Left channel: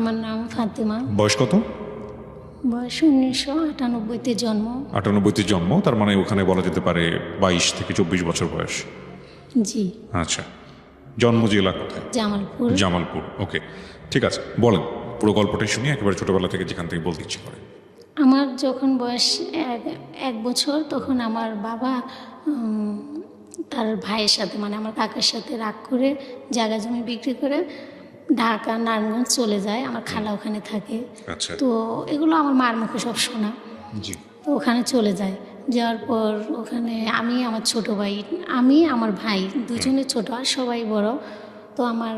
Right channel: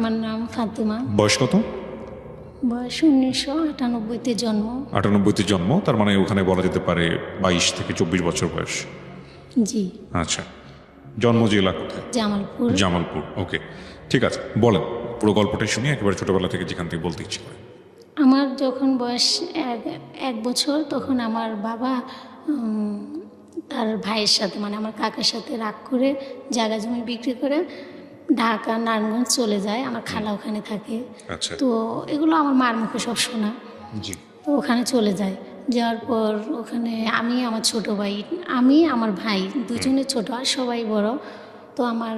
আমার নাম ফাতেমা। বয়স কত? বয়স 1998-তে জন্ম। 98-তে জন্ম, তার মানে ওখানে বলা যেতে পারে 22 থেকে 24 বছর বয়স। জি। আচ্ছা, জন্ম জেলা কোথায়? জামালপুর। জামালপুর, ওকে, ঠিক আছে, বলেন পুরো গল্পটাই শুনি একেবারে ছোটবেলা থেকে, যেখান থেকে বলতে ইচ্ছে করে। আমার যখন বয়স 1 বছর, তখন আমার বাবা তার ভাইয়ের সাথে, মানে আমার কাকার সাথে রাগ করে জায়গা জমি বিক্রি করে ঢাকা নারায়ণগঞ্জ চলে যায়। আমার খালা ওখানে থাকে। আচ্ছা, তো এগুলো আমার মার মুখে সব শোনা। জি। তো ওখানে চলে যায়, যাওয়ার পর ওখানে আমি, আমার ছোট ভাই, আমি আমার ভাই দুজনে ছোট আর সবাই বড়। তো আমার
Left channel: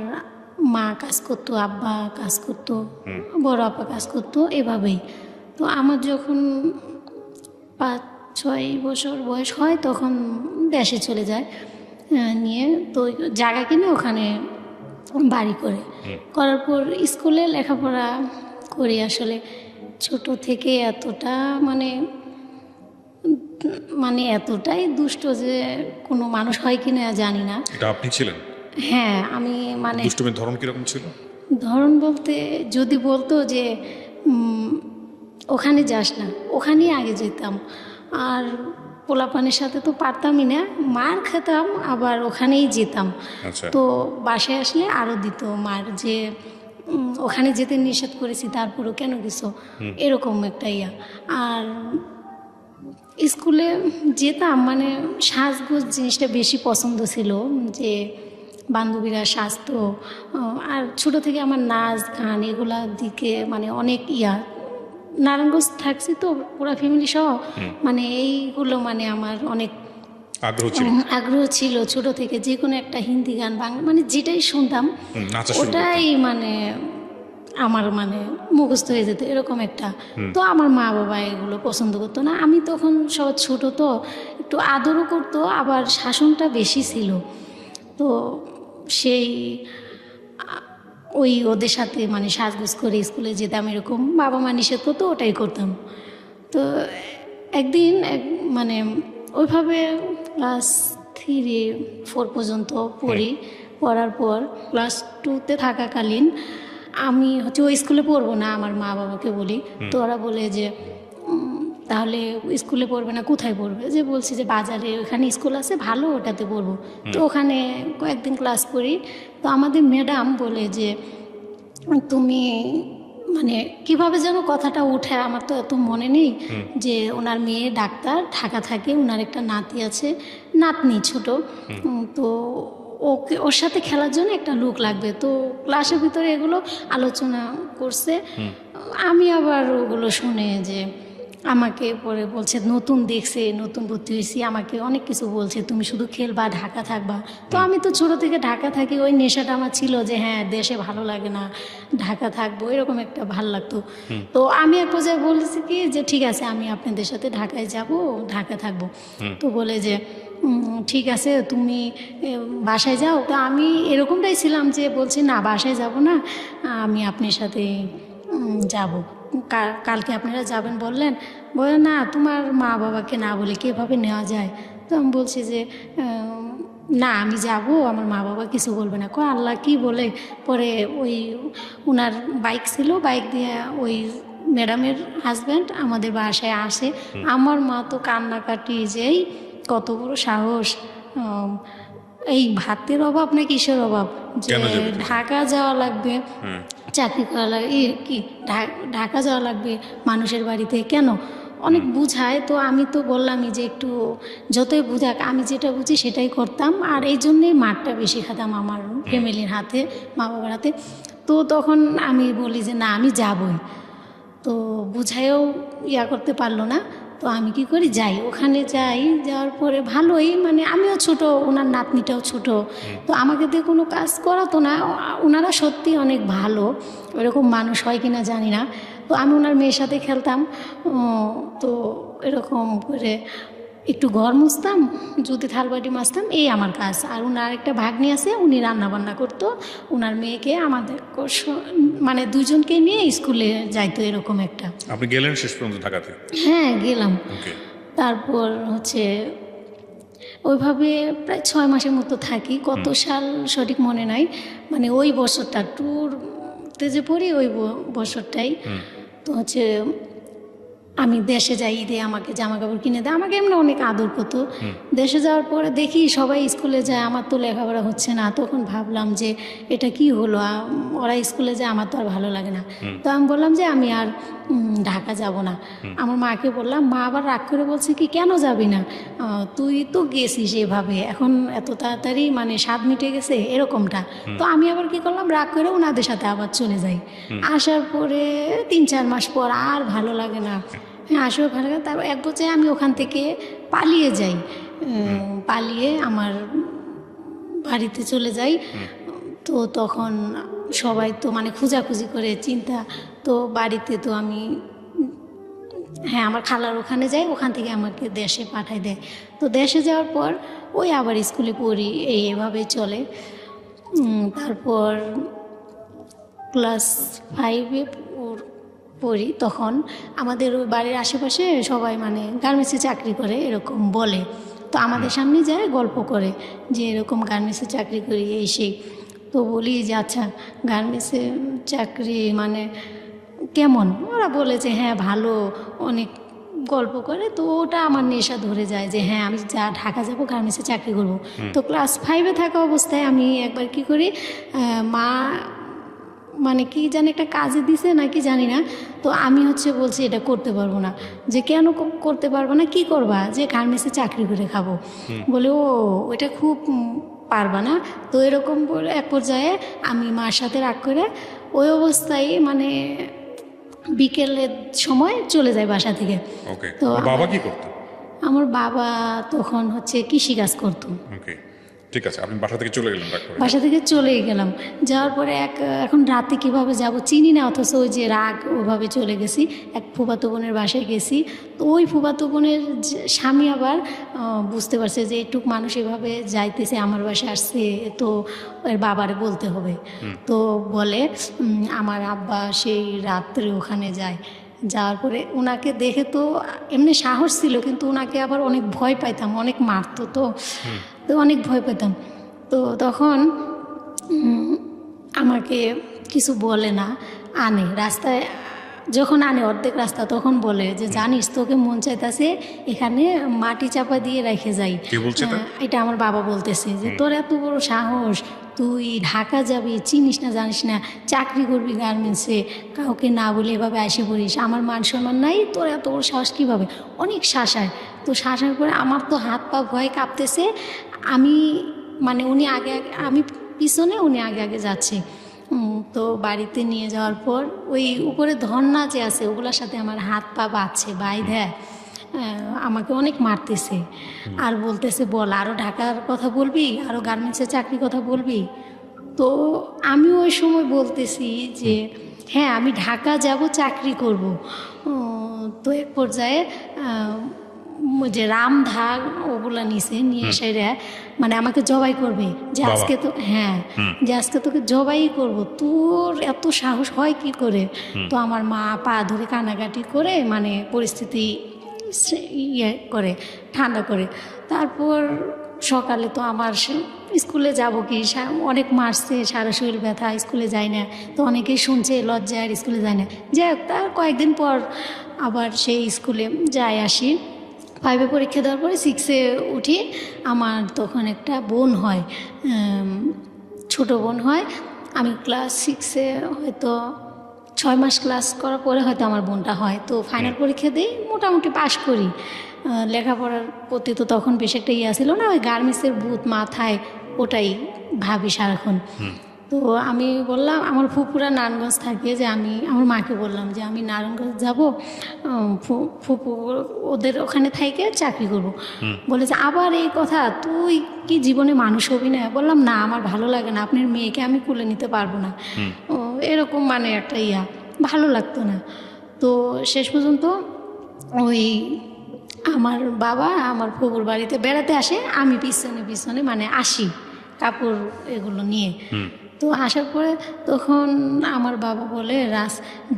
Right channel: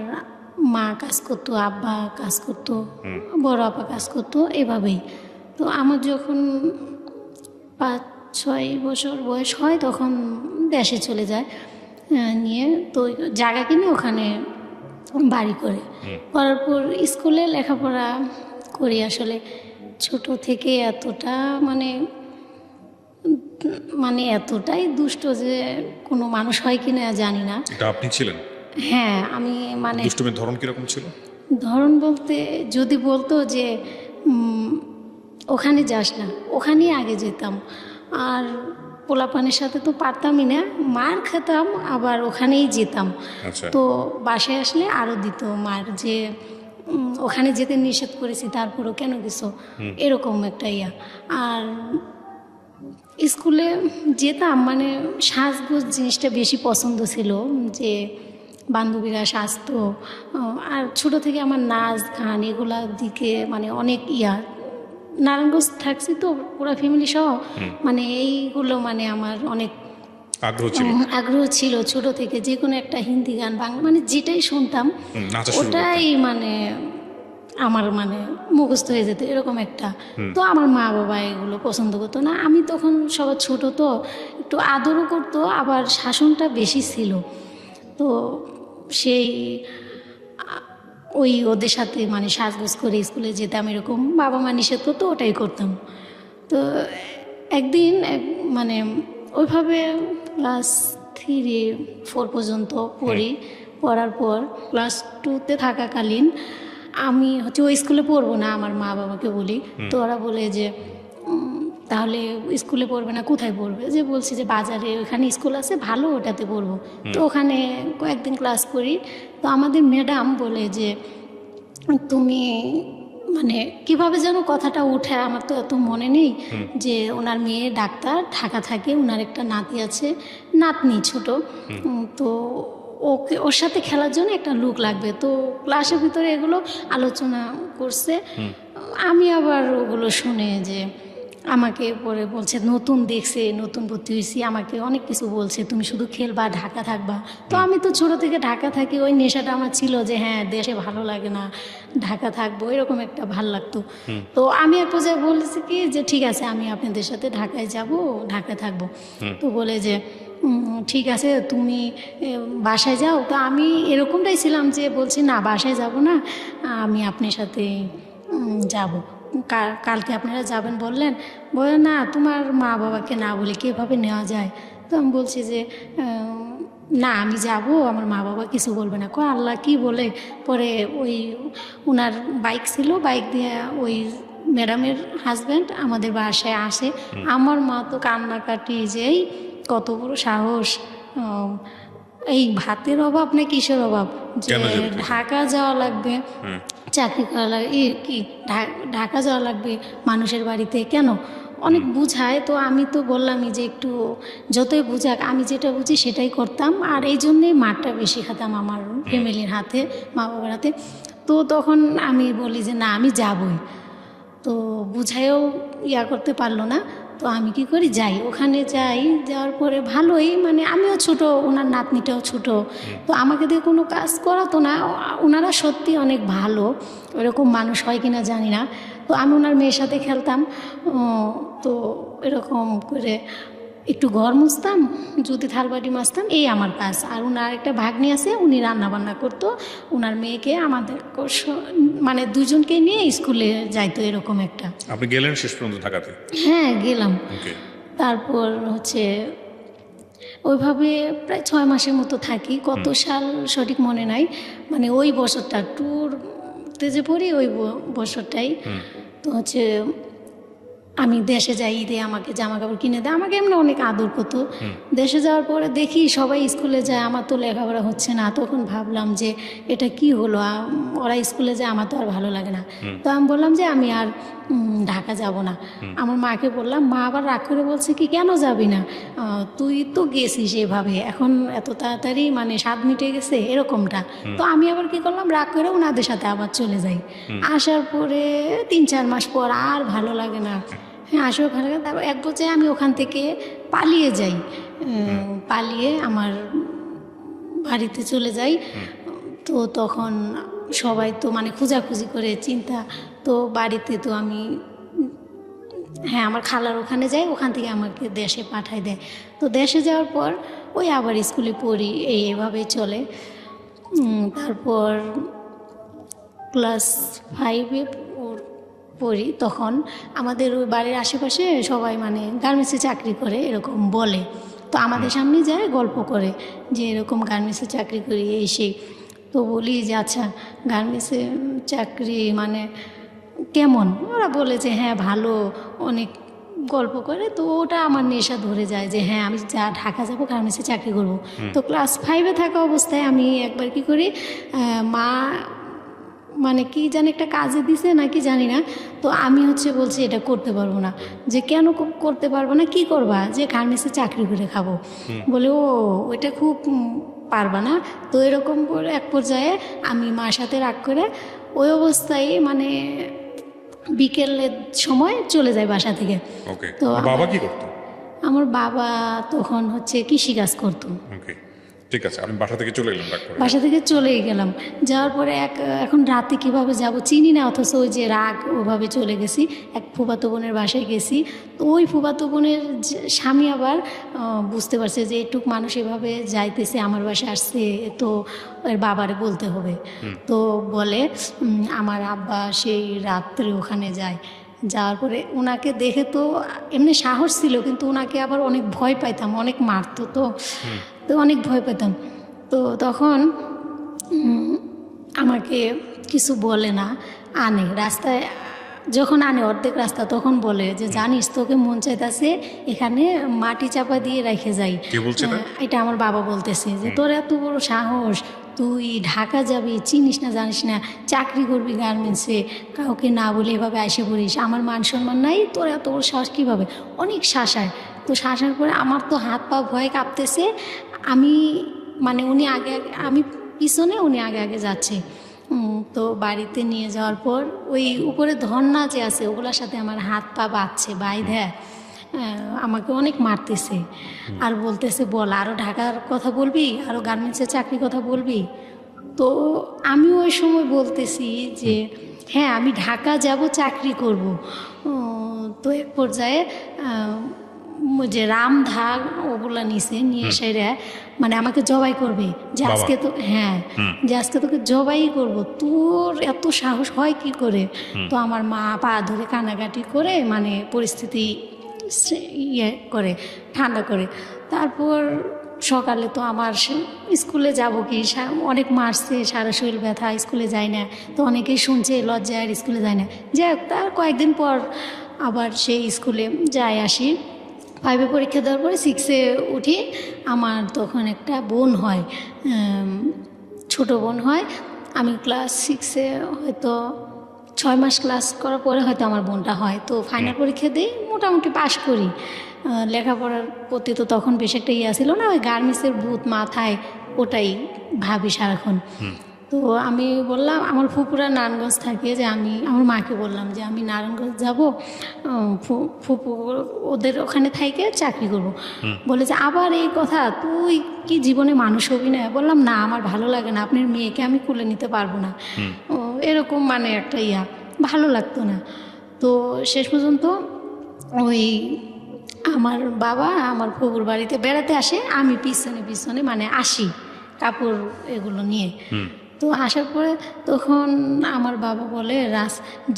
মা কাজ করতো, আব্বা কাজ করতো, বড় আপা কাজ করতো, এভাবেই। তো আমার যখন 5-6 বছর বয়স হয় তখন দেশে চলে যায় নিয়ে। তো জায়গা কিনে ওখানে বাড়ি করে, করার পর স্কুলে লেখাপড়া করি। আসলে ছোট থেকে এতটা মানে এতটাই দুষ্ট যে কোনো মানুষ হয় কিনা জানি না। এটা আপনি ছিলেন? হ্যাঁ, আমি মানে দুষ্টুমির ধরন কিরকম ছিল? ধরন বলতে যদি বলতো যে ওখানে যাস না, ওখানেই আগে যেতাম। আর পোলাপানের সাথে তো পারতামই না, মার খেতাম, আবার ওখানেই যেতাম। আচ্ছা, তো বাসায় আসলে আরও দিত মার, যে ওখানে যেতে নিষেধ করেছি তারপরও কেন গেছো, এরকম একটা ইয়া। আর স্কুলে যেতাম, মানে সাজগোজ জিনিসটা বেশি পছন্দ ছিল, যে বান্ধবীরা সাজতো। আর ছোট থেকে আমার নাচ গান এগুলার দিকে মানে অনেক ইয়া। নারায়ণগঞ্জ থাকছি তো পুরো ফ্যামিলি সহ, মানে এইগুলো মানে আমার অনেক আগ্রহ ছিল। আগ্রহ ছিল ছোট থেকে। যে কোনো একটা হিন্দি গান, বাংলা, মানে যেটাই শুনতাম নাচা শুরু করতেন। ওটাই মানে আমার মানে মুখস্থ হয়ে যেত, এরকম একটা। তো আমার মা বাবা এগুলো পছন্দ করতো না। আমি তখন সব ছোট, তো একটু আদরও করতো, আবার শাসনটা বেশি ছিল। তো সেই ওই ওদের সাথে মানে সাজগোজ করে স্কুলে যেতাম, এরকম বাবা মা নিষেধ করতো, ওটাই করতাম। তো একদিন মানে ওইভাবে ক্লাস 3-4 পর্যন্ত পড়ি। পড়ার পর ক্লাস 2-তে থাকাকালীন আমি হচ্ছে ওই স্কুলে পড়বো না, আমার মা বাবাকে বলি। তো ওরা বলে যে তাহলে স্কুলে পড়বে না, কোথায় পড়বে? যে বলছি যে বাজারে ওখানে স্কুল আছে ভালো, ওটাতে পড়বো। তো ওখানে কয়েকদিন ক্লাস করি। তো আমাদের ম্যাডাম বলে যে তুমি মানে কিভাবে যেন কথাটা উঠে, আমার তো এত মনে নেই, যে ওনার মেয়ে ডাক্তার, ঢাকা থাকে, ওনার একটা নাতি আছে, নাতনি ছোট। তো ওকে, ওর সাথে খেলার জন্য একটা লোক লাগবে। তো ক্লাসের ভিতরে এগুলো আলোচনা করছে। আমি আবার ওগুলো শুনে যে আমাকে পরে বলছে নতুন দেখছে, নতুন ভর্তি হয়েছি, আমাকে অনেক কিছু বলছে, তুমি শুধু খেলবা, ঢাকা থাকবা। তো আমি তো ছোট থেকে ঢাকা থাকি, ওই নেশাটা আমার ছিল যে হ্যাঁ দেশে ভালো লাগে না, ঢাকা থাকবো, এরকম একটা ভালো লাগতো। তো আমি এক পর্যায়ে বলেছি কি যে ঠিক আছে, আমি আপনাদের সাথে ঢাকায় যাব, ঢাকা থাকবো। তো বলে যে ঠিক আছে তুমি বাসায় যাও। তো আমি এরকমটাই ছিলাম যে বলছি না, বাসায় যাব না, আমি আপনার সাথে যাব। কালকে আপনারা যাবেন বললেন, বলে না তোমার মা বাবাকে না বলে কীভাবে নেওয়া যায়? তো আমি বলছি যে না আমি যাব, আমার মা বাবা কিছু বলবে না। আল্লাহ কি বলে। পরে ওই ওনার বাইক ছিল, বাইক দিয়ে ওই ম্যাডামের হাজব্যান্ড আমাদের বাসায় আসে। আমার মা তো কান্নাকাটি, যে কত বড় সাহস, এই ভাতের অভাব না কিসের অভাব, যে ঢাকা যাওয়া লাগবে, চাকরি করা লাগবে, কি ঢাকা যাওয়া লাগবে মানুষের বাড়িতে কেন, অনেক বুঝায়। তো আমি তো বললামই যে একটু যতই বুঝাক, আমি যেটা বুঝি সেটাই করতাম। আর এই জন্যই মারটা বেশি খেতাম আমার ফ্যামিলির হাতে, মা বাবার হাতে। তো তখন আমি বলি যে না আমি যাবই। তো বুঝাইও ইয়া করতে পারলো না। তো আমি কি করি, যাই, ওখানে যাই। যাওয়ার পরে ভালোই, মানে আমিও ছোট, ওনার নাতনিটাও ছোট। তো আমাকে দিয়ে কোনো কাজ করাতো না। ওনারা সত্যি অনেক ভালো, এরকম মানুষ হয় কিনা জানি না। তো আমি ওনার মেয়ের সাথে খেলতাম। তো এরকম করে একটু ঘর মুছতাম, যদি থালবাটি মাজতাম, এই আমার কাজ। আর ওনার একটা ভাগ্নি আছে, উনি রান্না বান্না করতো। ওনার মেয়েকে আমাদের মানে দুজনকে নিয়ে স্কুলে যাইতো, এরকম একটা। আপনি গেলেন শেষ পর্যন্ত ঢাকাতে? হ্যাঁ গেলাম। ওকে। তারপর হচ্ছে ওইভাবে প্রায় 6 মাসের মতো থাকি। কত সাল সঠিক মনে নাই, মানে ওই বছরটা ট্যুর পড়তে যে পড়ি ওই বছরটাই তো হচ্ছে আমি দেশে যাই, ঈদে আমাকে জামা কাপড় কিনে দেয়, আমাকে এমনি অনেক আদর করতো। দেশে যাওয়ার পরে দেখি সবাই স্কুলে যায়, আমার তো লেখাপড়া হচ্ছে না। তখন ভাবলাম যে এটা কি হলো, ওরা স্কুলে যায়, আমার তো আর ভালো লাগে না। তো আমি বললাম যে আমি আর ঢাকা যাব না। আমার মাকে বললাম, মা আবার রাগ করে বলছে কি কেন যাবি না, তুই তো গেছিস এভাবে, এখন এত তাড়াতাড়ি মানে 7 মিনিটে গেছে এরকমটা। তো আমি আবার কি করলাম, রাগ করে ওনাদের সাথে আবার চলে যাই। আসার পরে 3-4 মাস পর আর ভালো লাগে না, হ্যাঁ আসলে ভালো লাগে। তারপর এক বছর আমি ওখান থেকে পালিয়ে যাই, পালিয়ে আমার বাড়িতে চলে যাই। তো তখন সবাই তো মানে খোঁজাখুঁজি করে চিন্তা, তো বাড়িতে তো আমি হ্যাঁ আমার খালার ওখানে যাই, ওখান থেকে আমাকে দেশে পাঠায় দেয়। তো দেশে যাওয়ার পর ওই আবার স্কুলে পড়ি, এভাবেই চলে। তারপর ক্লাস 5-এ পড়ি, তখন আমাদের ওই বাড়ির আশেপাশে সবাই মানে গার্মেন্টসে চাকরি করে এরকম বলে। তো আমাদের সামনে যায় গল্প করে যে এরকম গার্মেন্টসে চাকরি করি এই সেই। তো বলি যে আচ্ছা গার্মেন্টসে চাকরি মানে কেমন, ওরা বলে যে হ্যাঁ ভালো, অনেক গল্প করে। তো ওটা আমার নেশা ধরে যায় যে হ্যাঁ আমি ঢাকা যাবো, গার্মেন্টসে চাকরি করবো। তো ক্লাস 5-এ থাকা অবস্থায় আমি একবার কি করি, মা মানে কি জানি একটা কাজে দিছে নাকি জানি না, তো আমি হচ্ছে বলছি এটা করতে পারবো না। যে কেন করতে পারবো না, কি করবা, যে গার্মেন্টসে চাকরি করে খাবো। বলে ও ওইটা খুব পারবা না। তো এরকম করে এক পর্যায়ে আমি মার সাথে রাগ করে ওই অবস্থায় মানে বিকেলের সময় চলে যায় বাসা থেকে। ওকে, তো বাবা কি করতো? আমার বাবা তখন হচ্ছে কৃষিকাজ করতো। ওকে, ঠিক আছে, আমি বাসা থেকে চলে এলাম ডাক্তার। বাসা থেকে চলেই গেলাম। যাওয়ার পরে এখন রাতে কীভাবে যাব চিনি না, অথচ ওই যে রাগ ওভাবে চলে গেছি। এক ফুফাতো বোনের বাসায় গেছি। তো ওই ফুফাতো বোনের স্বামী আবার বুঝতে পারছে যে একটুক মানুষ এভাবে যাইতেছে, আমার বাসায় আসছে, তো এর বাবারে বলতে হবে। তো বলে আমার আব্বা সেই রাত্রে ওখানে যায়। যাওয়ার পরে ওনাকে দেখে তো এমনি সাহস ছিল, কিন্তু ওনাকে আবার অনেক ভয় পাইতাম, অনেক মারতো, তো অনেক ভয় পেতাম। তো তখন আমাকে কিছু বলে না, আনে রাস্তায়, যখন আনে অর্ধেক রাস্তা তখন বলে যে জানিস তোকে মন চাইতেছে এখানে মাটি চাপা দিয়ে রেখে যাই। কে বলছে এটা? এটা আমার বাবা বলতেছে যে তোর এত বড় সাহস, তুই ঢাকা যাবি, চিনিস না জানিস না, চাকরি করবি গার্মেন্টসে, কাউকে না বলে এভাবে এসে পড়িস, আমার মান সম্মান নাই, তোর এত বড় সাহস কীভাবে। অনেক শাসায়। তো শাসার পরে আমার তো হাত পা ভয়ে কাঁপতেছে। আমি মানে উনি আগে আমি পিছনে, উনি আগে আগে যাচ্ছে। তো বাড়িতে নিয়ে যাওয়ার পর ওই উপরে ধর্না যে আছে ওগুলোর সাথে আমার হাত পা বাঁধছে, বাইধে আমাকে অনেক মারতেছে আর বলতেছে বল আরও ঢাকার কথা বলবি, আরও গার্মেন্টসের চাকরির কথা বলবি। তো আমি ওই সময় বলতেছি যে হ্যাঁ আমি ঢাকা যাব, চাকরি করব। তো এক পর্যায়ে যে রামধান ওগুলা নিয়ে সেরা মানে আমাকে জবাই করবে, যে আজকে তো হ্যাঁ যে আজকে তোকে জবাই করব, তোর এত সাহস হয় কি করে। তো আমার মা পা ধরে কান্নাকাটি করে মানে পরিস্থিতি ইয়ে করে, ঠান্ডা করে। তারপর সকালে তো আমার স্কুলে যাব কি, অনেক মারছে, সারা শরীর ব্যথা, স্কুলে যায় না। তো অনেকেই শুনছে লজ্জায় স্কুলে যায় না। যাই হোক, তার কয়েকদিন পর আবার সেই স্কুলে যাই আসি। 5-এ পরীক্ষা দেওয়ার পরে 6-এ উঠি। আমার তখন একটা বোন হয়, ছোট বোন হয়। আমি ক্লাস 6-এ হয়তো 6 মাস ক্লাস করার পরে হয়তো আমার বোনটা হয়। তো ফাইনাল পরীক্ষা দিই, মোটামুটি পাশ করি। লেখাপড়ার প্রতি তো তখন বেশ একটা ইয়ে ছিল না, ওই গার্মেন্টসের ভূত মাথায়, ওটাই ভাবি সারাক্ষণ। তো আমি বললাম, আমার ফুপুরা নারায়ণগঞ্জ থাকে, যে আমি আমার মাকে বললাম যে আমি নারায়ণগঞ্জ যাবো, ফুপু ওদের ওখানে থেকে চাকরি করব। বলে যে আবার এই কথা, তুই কি জীবনে মানুষ হবি না? বললাম না, আমার ভালো লাগে না, আপনার মেয়েকে আমি কুলে নিতে পারবো না, এরকম মানে একটা ভালো লাগতো না। তো শেষ পর্যন্ত ওই আমার বাবা আমার ফুপুর বাড়িতে বেড়াতে আসে, আমি পিছনে পিছনে মানে আসি কাপড় এগুলো নিয়ে। তো আসার পরে তখন আমার বাবা বলে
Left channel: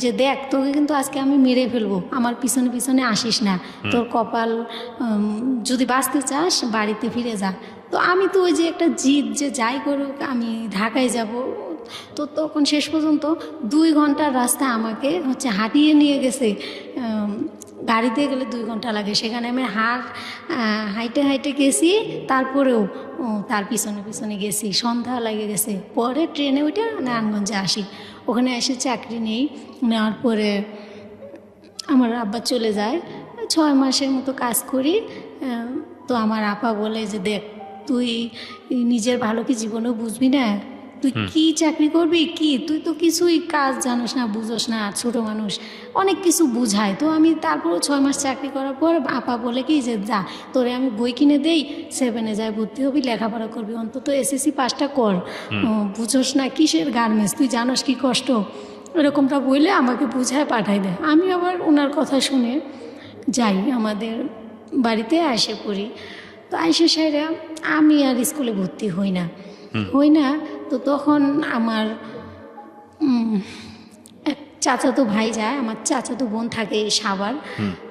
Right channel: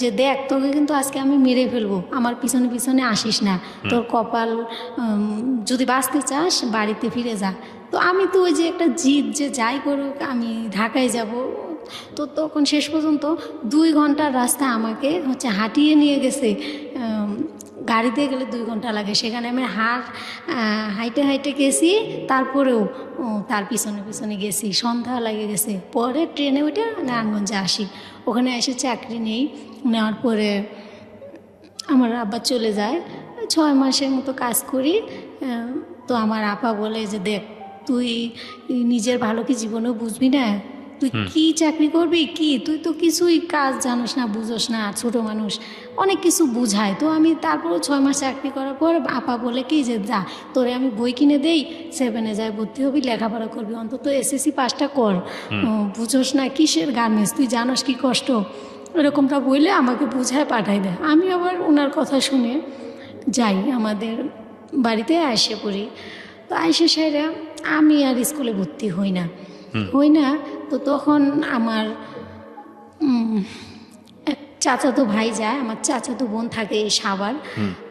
যে দেখ তোকে কিন্তু আজকে আমি মেরে ফেলবো, আমার পিছনে পিছনে আসিস না, তোর কপাল যদি বাঁচতে চাস বাড়িতে ফিরে যা। তো আমি তো ওই যে একটা জিদ, যে যাই করুক আমি ঢাকায় যাব, তো তখন শেষ পর্যন্ত 2 ঘন্টার রাস্তা আমাকে হচ্ছে হাঁটিয়ে নিয়ে গেছে। গাড়িতে গেলে 2 ঘন্টা লাগে, সেখানে আমি হাইটে হাইটে গেছি। তারপরেও তার পিছনে পিছনে গেছি, সন্ধ্যা লাগে গেছে। পরে ট্রেনে উঠে নারায়ণগঞ্জে আসি, ওখানে এসে চাকরি নেই। নেওয়ার পরে আমার আব্বা চলে যায়, 6 মাসের মতো কাজ করি। তো আমার আপা বলে যে দেখ, তুই নিজের ভালো কি জীবনেও বুঝবি না, তুই কি চাকরি করবি, কি তুই তো কিছুই কাজ জানোস না, বুঝোস না, ছোট মানুষ, অনেক কিছু বুঝায়। তো আমি তারপরেও 6 মাস চাকরি করার পর আপা বলে কি যে যা, তোরে আমি বই কিনে দেই, 7-এ যাই ভর্তি হবি, লেখাপড়া করবি, অন্তত SSC পাসটা কর, বুঝোস না কিসের গার্মেন্টস, তুই জানোস কি কষ্ট, এরকমটা বলে আমাকে বুঝায় পাঠাই দেয়। আমি আবার ওনার কথা শুনে যাই, আমাদের বাড়িতে আসে পড়ি। তো আইসে সেরা আমি আর স্কুলে ভর্তি হই না। তো তখন আমার এক চাচাতো ভাই যায়, আমার চাচাতো বোন থাকে এই সাভার।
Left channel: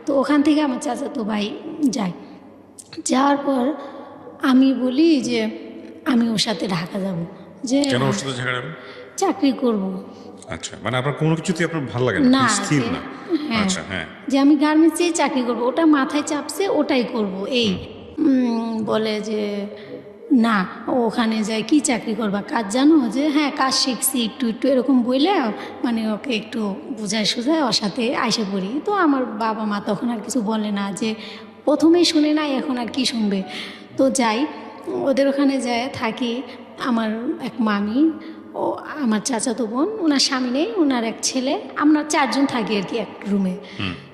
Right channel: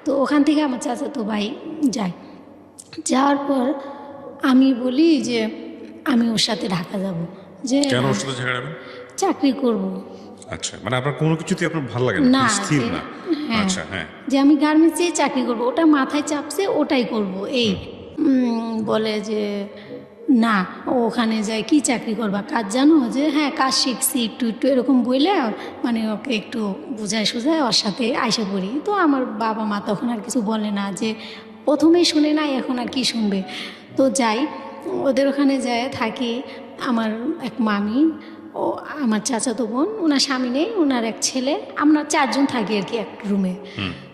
তো ওখান থেকে আমার চাচাতো ভাই যায়। যাওয়ার পর আমি বলি যে আমি ওর সাথে ঢাকা যাব, যে কেন ওর সাথে ঝগড়া হবে? চাকরি করব। আচ্ছা, মানে আপনার কোনো কিছুতেই আপনার ভালো লাগে না, না, স্থির না। হ্যাঁ, আচ্ছা, হ্যাঁ। যে আমি গার্মেন্টসে চাকরি করব, ওটা মাথায় চাপছে, ওটাই করব। এই বলে যে না, ওখানে যাই কি চাকরি করবা, কাজ জানো, যে হ্যাঁ কাজ শিখছি একটু একটু, এরকম বললে মানে ওকে একটু বুঝায় সুঝায় ওর সাথে আইসে পড়ি। তো আমার বাবা মা তখন আর কিছু বলে না, যে প্রথমেই শুনে নাই, এখন আর কি শুনবে। তো যাই, ওদের ওখানে যায় থাকি। আমার এক মামি, ও আমার চাচাতো বোন, ওনার স্বামী নেই, ওনার এক ছেলে, আমরা 4 জন থাকি আর কি এক রুমে।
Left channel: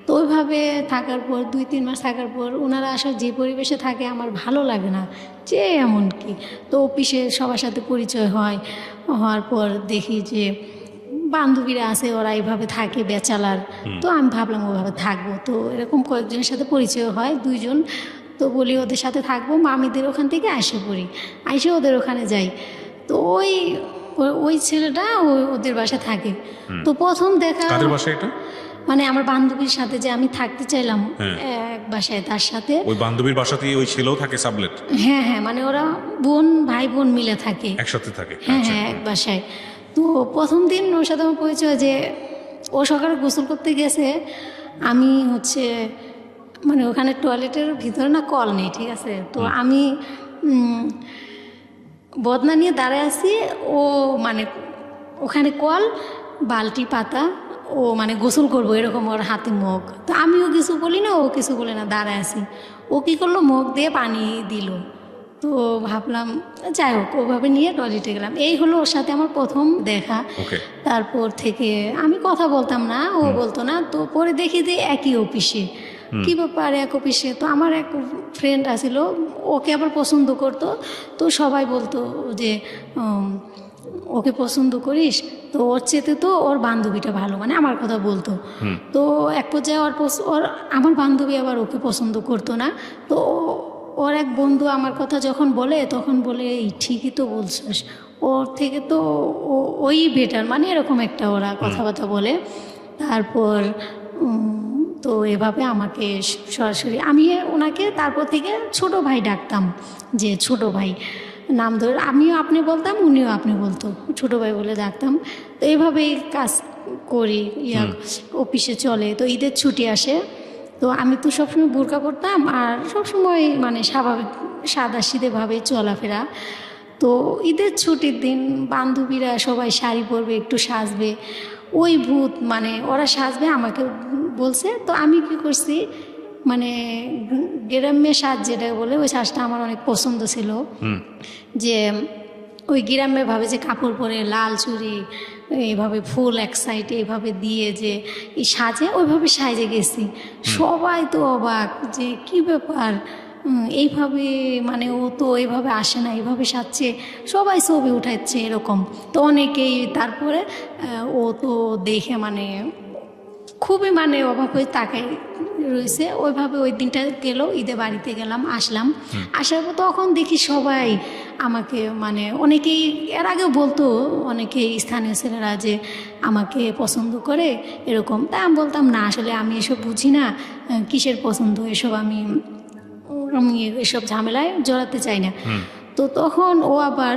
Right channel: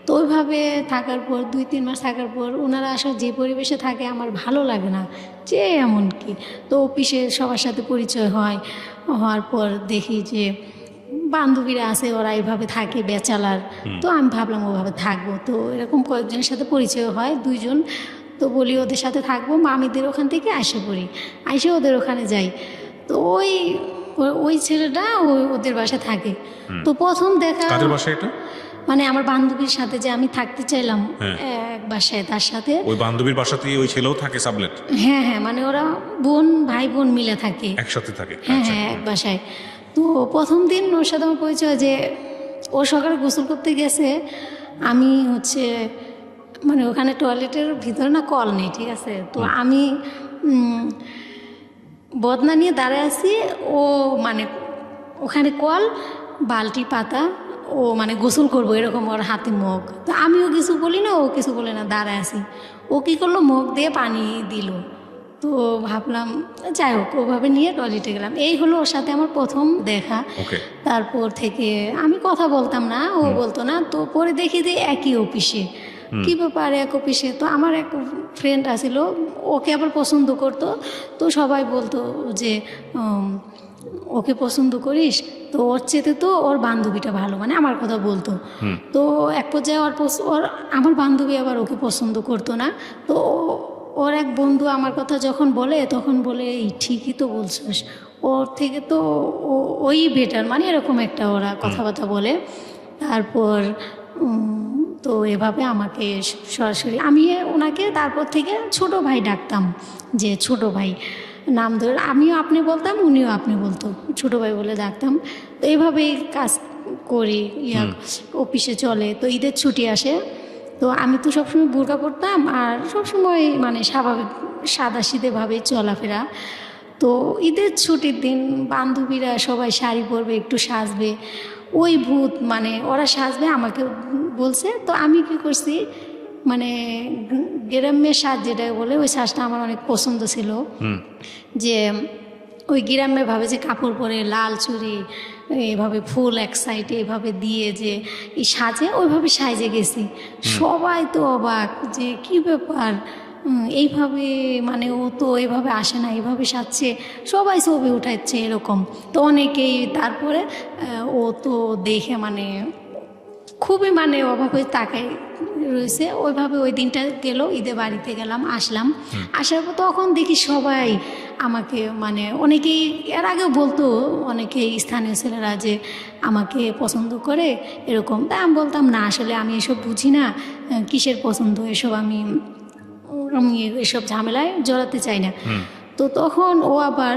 তো ওইভাবে থাকার পর 2-3 মাস থাকার পর ওনারা আসলে যে পরিবেশে থাকে আমার ভালো লাগে না, যে এমন কি। তো অফিসে সবার সাথে পরিচয় হওয়ার পর দেখি যে বান্ধবীরা আছে, ওরা এইভাবে থাকে ব্যাচেলার। তো আমি ভাবলাম ওভাবে থাকবো। তো এরকম কয়েকজনের সাথে পরিচয় হয়, 2 জন। তো বলি ওদের সাথে থাকবো, মামিদের ওখান থেকে আসে পড়ি, আসে ওদের ওখানে যাই। তো ওই ছেলেটা ওদের বাসায় থাকে। তো প্রথম দেখা, কাদের বাসা এটা? মানে আমার বান্ধবীর সাথে যে আমি থাকতে চাইলাম এক বাসায়, তার সাথে। ওই বান্ধবীর বাসাতেই ওই ছেলেও থাকে সাবলেট? হ্যাঁ হ্যাঁ, মানে ওরা ভাই বোন মিলে থাকে, একসাথে থাকে? হ্যাঁ হ্যাঁ, এক বাসায়। তো প্রথম দিন ওর সাথে আমার পরিচয়, যে ও সকালে গোসল করতে গেছে, আমি হচ্ছে মানে ওখানে টয়লেটের ভিতরে না কল নেই, ঠিক আছে। তো আমি বদনা নিয়ে দাঁড়ায় আছি, ও মানে ওখানে কল, বালতি পাতা, ও মানে গোসল করবো এরকম, ওর হাতে মগ। তো আমিও কিছু বলি না, ও কিছু বলে না, দাঁড়ায় আছি। ও কী করলো, মগ দিয়ে পানি দিল। তো ভাবলাম যাই হোক, ওভাবে নিয়ে টয়লেটে গেলাম। এই হলো ওর সাথে আমার প্রথম দেখা। তারপর থেকে আমি কথা বলতাম না, ও বলতো না। তো পরে দেখি যে একই অফিসে, কি ব্যাপার এক অফিসে। তো আমার এক ফ্রেন্ড আছিল, ওকে আবার পছন্দ করতো। তো সবাই বলতো যে ওকে পছন্দ করিস, তো ওর চেয়ে তো ওর বান্ধবীটা ভালো, মানে আমার কথা বলতো। তো এক পর্যায়ে ওর আমার বান্ধবী আবার ওকে পছন্দ করতো না। তো ওর এক বন্ধু আমার কথা যখন বলে, তখন বলে ঠিকই তো বলছিস, ওর থেকে তো ওই বেটার, মানে এরকম একটা ওরা কথাবার্তা বলে। তারপর তো এভাবে আমাকে সরাসরি, আমি ওনাকে তারপর থেকে ছোট ভাই ডাকতাম, যে ছোট ভাই নাম ধরে, আমিও আপনি বলতাম, উনিও আপনি বলতো, ছোট ভাই বলে ডাকতাম। তো এইভাবেই কাজ করি, অফিসে চলে। তো ঈদের ছুটি আসে, তো আমি তো সবসময় বোরকা পরতাম, আর সবসময় মানে স্বাভাবিক সাদাসিধেভাবে চলাফেরা। তো ঈদের ছুটির দিন বান্ধবীরা সবাই শাড়ি পরবে, একটু সাজবে, ওই ভূত মানে ওরা সাজবে আমাকে বলছে। তো আমি কি করছি, মানে গ্রাম্যের সাজ যেটা বলে, ওই সাজটা আমার অনেক পছন্দ ছিল। যে ওই গ্রাম্যে ভাবে যে কাপড় পরে, লাল চুড়ি, এইভাবে ফুল এক সাইডে এইভাবে দিয়ে যে এই সাজে, ওইভাবে সাজে গেছি। সবাই তো অবাক, যে কি ব্যাপার, এইভাবে মানে ও তো এইভাবে আসে না, এইভাবে সাজছে, সবাই ছবি উঠাচ্ছে এরকম। তো অনেকেই, তারপরে ও তো দেখে মানে খুবই মানে অভাবে তাকাই রয়েছে। ওইভাবে ওই দিনটা গেল, ঈদে বাড়িতে গেলাম, আসলাম। আসার পর তখন দেখি সবাই আমাকে মানে অনেকেই এর আগে বলতো, অনেকে স্থানীয় ছেলেরা যে আমাকে পছন্দ করে এরকম। তাই আমি বলতাম না, আসলে আমি এসব বুঝি না, কিসের পছন্দ এসব, আমি এসব ঝামেলায় জড়াতে চাই না। তো তখন ও আবার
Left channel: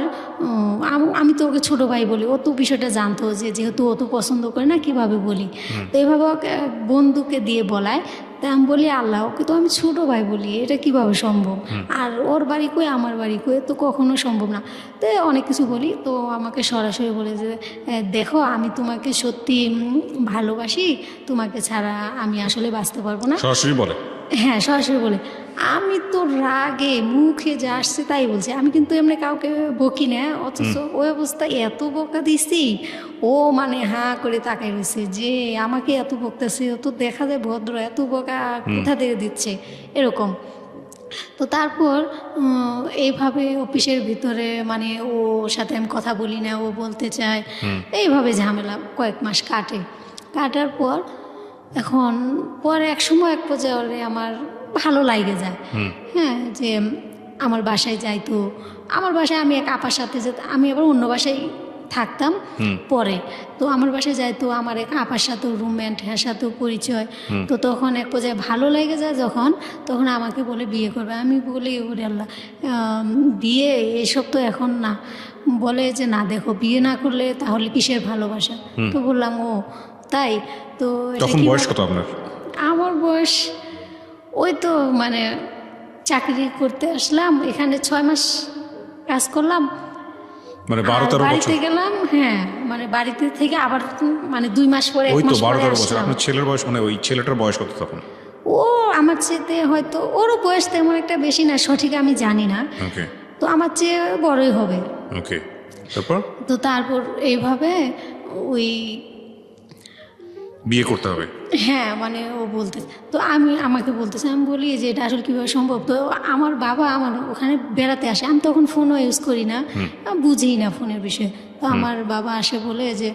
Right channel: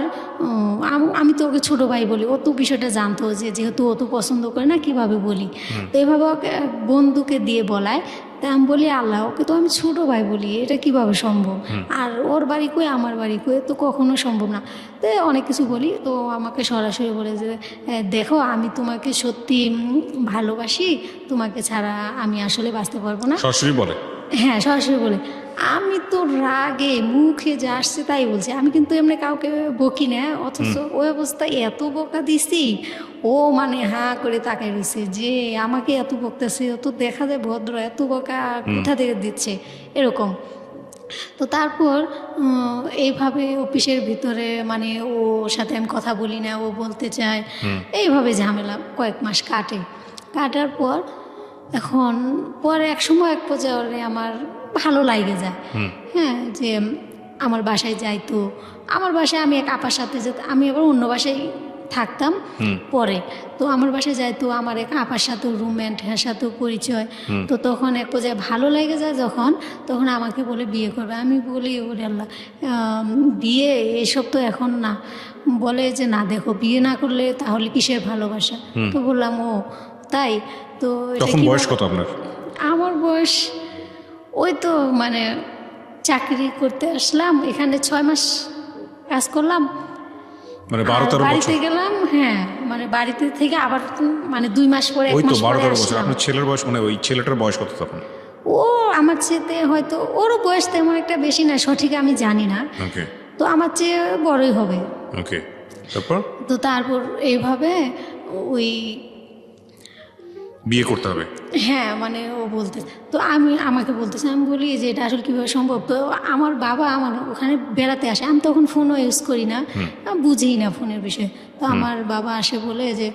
আমি তো ওকে ছোটো ভাই বলি, ও তো বিষয়টা জানতো যে যেহেতু ও তো পছন্দ করে না কীভাবে বলি, তো এভাবে ওকে বন্ধুকে দিয়ে বলায়। তা আমি বলি আল্লাহ, ওকে তো আমি ছোটো ভাই বলি, এটা কিভাবে সম্ভব? আর ওর বাড়ি কই আমার বাড়ি কই, তো কখনো সম্ভব না। তো অনেক কিছু বলি, তো আমাকে সরাসরি বলে যে দেখো আমি তোমাকে সত্যি ভালোবাসি, তোমাকে ছাড়া আমি আসলে বাঁচতে পারবো না। সরাসরি বলে? হ্যাঁ, সরাসরি বলে। আমি তো রাগে মুখে যা আসছে তাই বলছি, আমি কিন্তু এমনি কাউকে বকি না, অথচ ওই অবস্থায় এত বকা দিছি, ও মানে হাঁ করে তাকাই গেছে যে আমাকে এত বকতেছে, ও তো দেখা যায় ভদ্র, এত বকা কোথা থেকে দিচ্ছে এরকম। তো তারপর এইভাবে অফিসের ভিতরে মানে ওর সাথে আমি কথা বলি না, ও বলতে চায়, এইভাবে ঝামেলা কয়েক মাস কাটার পর এখন পরে এক সময় এক পর্যায়ে হলে আমার ভালো লাগে যায়। হ্যাঁ, যে আমার বাসায় যাইতো, আমার বাসায় আমি এক আপার সাথে যেতাম, আমি আবার অন্য বাসায় থাকতাম পরে, তো আমার বাসায় যাইতো আমার এক আপার সাথেও রুমমেট, হ্যাঁ সাথেও পরিচয়। তো তখন এক পর্যায়ে ভালো লেগে যায় যখন, তখন আমাকে বলে বিয়ে করবে। আমি বলি ওরে আল্লাহ, বিয়ে এসব তো এখন না। বলে যে না দেখো, বিয়ে না করলে তাহলে কিসের ভালোবাসা? তো বললাম ও তাই? তো এটা তখন কি বয়স বলবো? কত আপনার? আমার বয়স ওই তো মানে চাকরি করতে আসলাম, এখানে 6 মাস কাজ করলাম, মানে আর 12-13 বাড়িতে বছর? গেলাম। হ্যাঁ, মানে বাড়িতে থেকে আবার তো মানে 2 মাস পরে, 1 ওই তো মাস পরে 12-13 বছর। আসলাম। আপনার ছেলের বয়স মানে ওই ছেলেটার বয়স কত তখন? ও আমার চেয়ে হয়তো, ওরও বয়স তেমন একটা বেশি না, সঠিক আমি জানি না, ওকে তো আমার চেয়ে বড়ই হবে। ওকে, তারপর তো তারপর এইভাবে ওই বিয়ে করতে হবে? হ্যাঁ মানে ও বলতে, তো আমাকে বলতেছে, আমি বলি যে এটা আসলে কীভাবে সম্ভব? তো আমার বাবা আমার ওখানে বেড়াতে আসে, আমি তখন ফোনও ইউজ করি না, আমি বুঝি না ফোনের বিষয়ে। তো আমার বাবা আসে বলে যে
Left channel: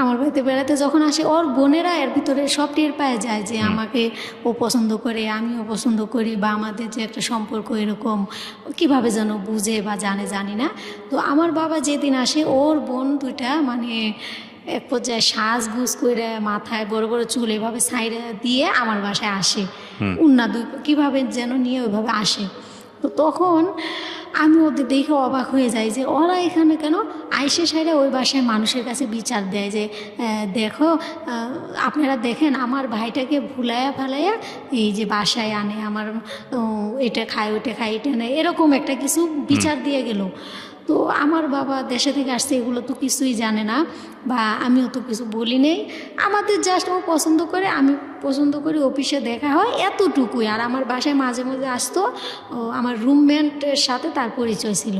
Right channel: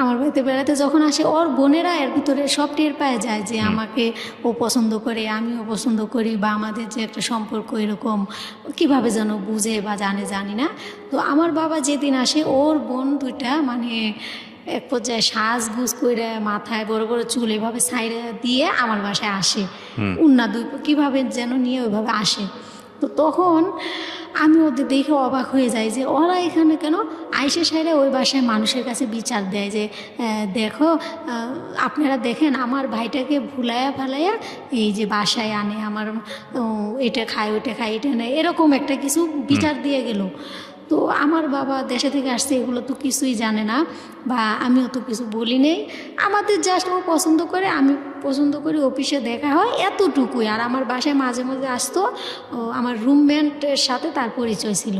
আমার বাড়িতে বেড়াতে যখন আসে, ওর বোনেরা এর ভিতরে সব টের পায় যায় যে আমাকে ও পছন্দ করে, আমিও পছন্দ করি, বা আমাদের যে একটা সম্পর্ক এরকম কীভাবে যেন বুঝে বা জানি না। তো আমার বাবা যেদিন আসে, ওর বোন দুইটা মানে এক পর্যায়ে সাজগুজ করে মাথায় বড় বড় চুল এভাবে সাইডে দিয়ে আমার বাসায় আসে, উন্না দুই কীভাবে যেন নিয়ে ওইভাবে আসে। তো তখন আমি ওদের দেখে অবাক হয়ে যাই যে ওরা এখানে কেন? আইসে সাইডে ওই বাসায় মানুষের কাছে বিচার দেয় যে দেখো, আপনারা দেখেন আমার ভাইটাকে ভুলাইয়া ফালাইয়া এই যে বাসায় আনে, আমার এটা খায় ওইটা খায় এটা নেয়, এরকম একটা কিছু বিচার দিয়ে গেল। তো আমার বাবা দেশে থেকে আসছে, এগুলো তো কিছুই জানে না, বা আমিও তো কিছু বলি নেই। আমাদের জাস্ট ও পছন্দ করে, আমি পছন্দ করি, অফিসে দেখা হয়, এতটুকুই। আর আমার বাসায় মাঝে মাঝে আসতো, আমার রুমমেটের সাথে তার পরিচয় ছিল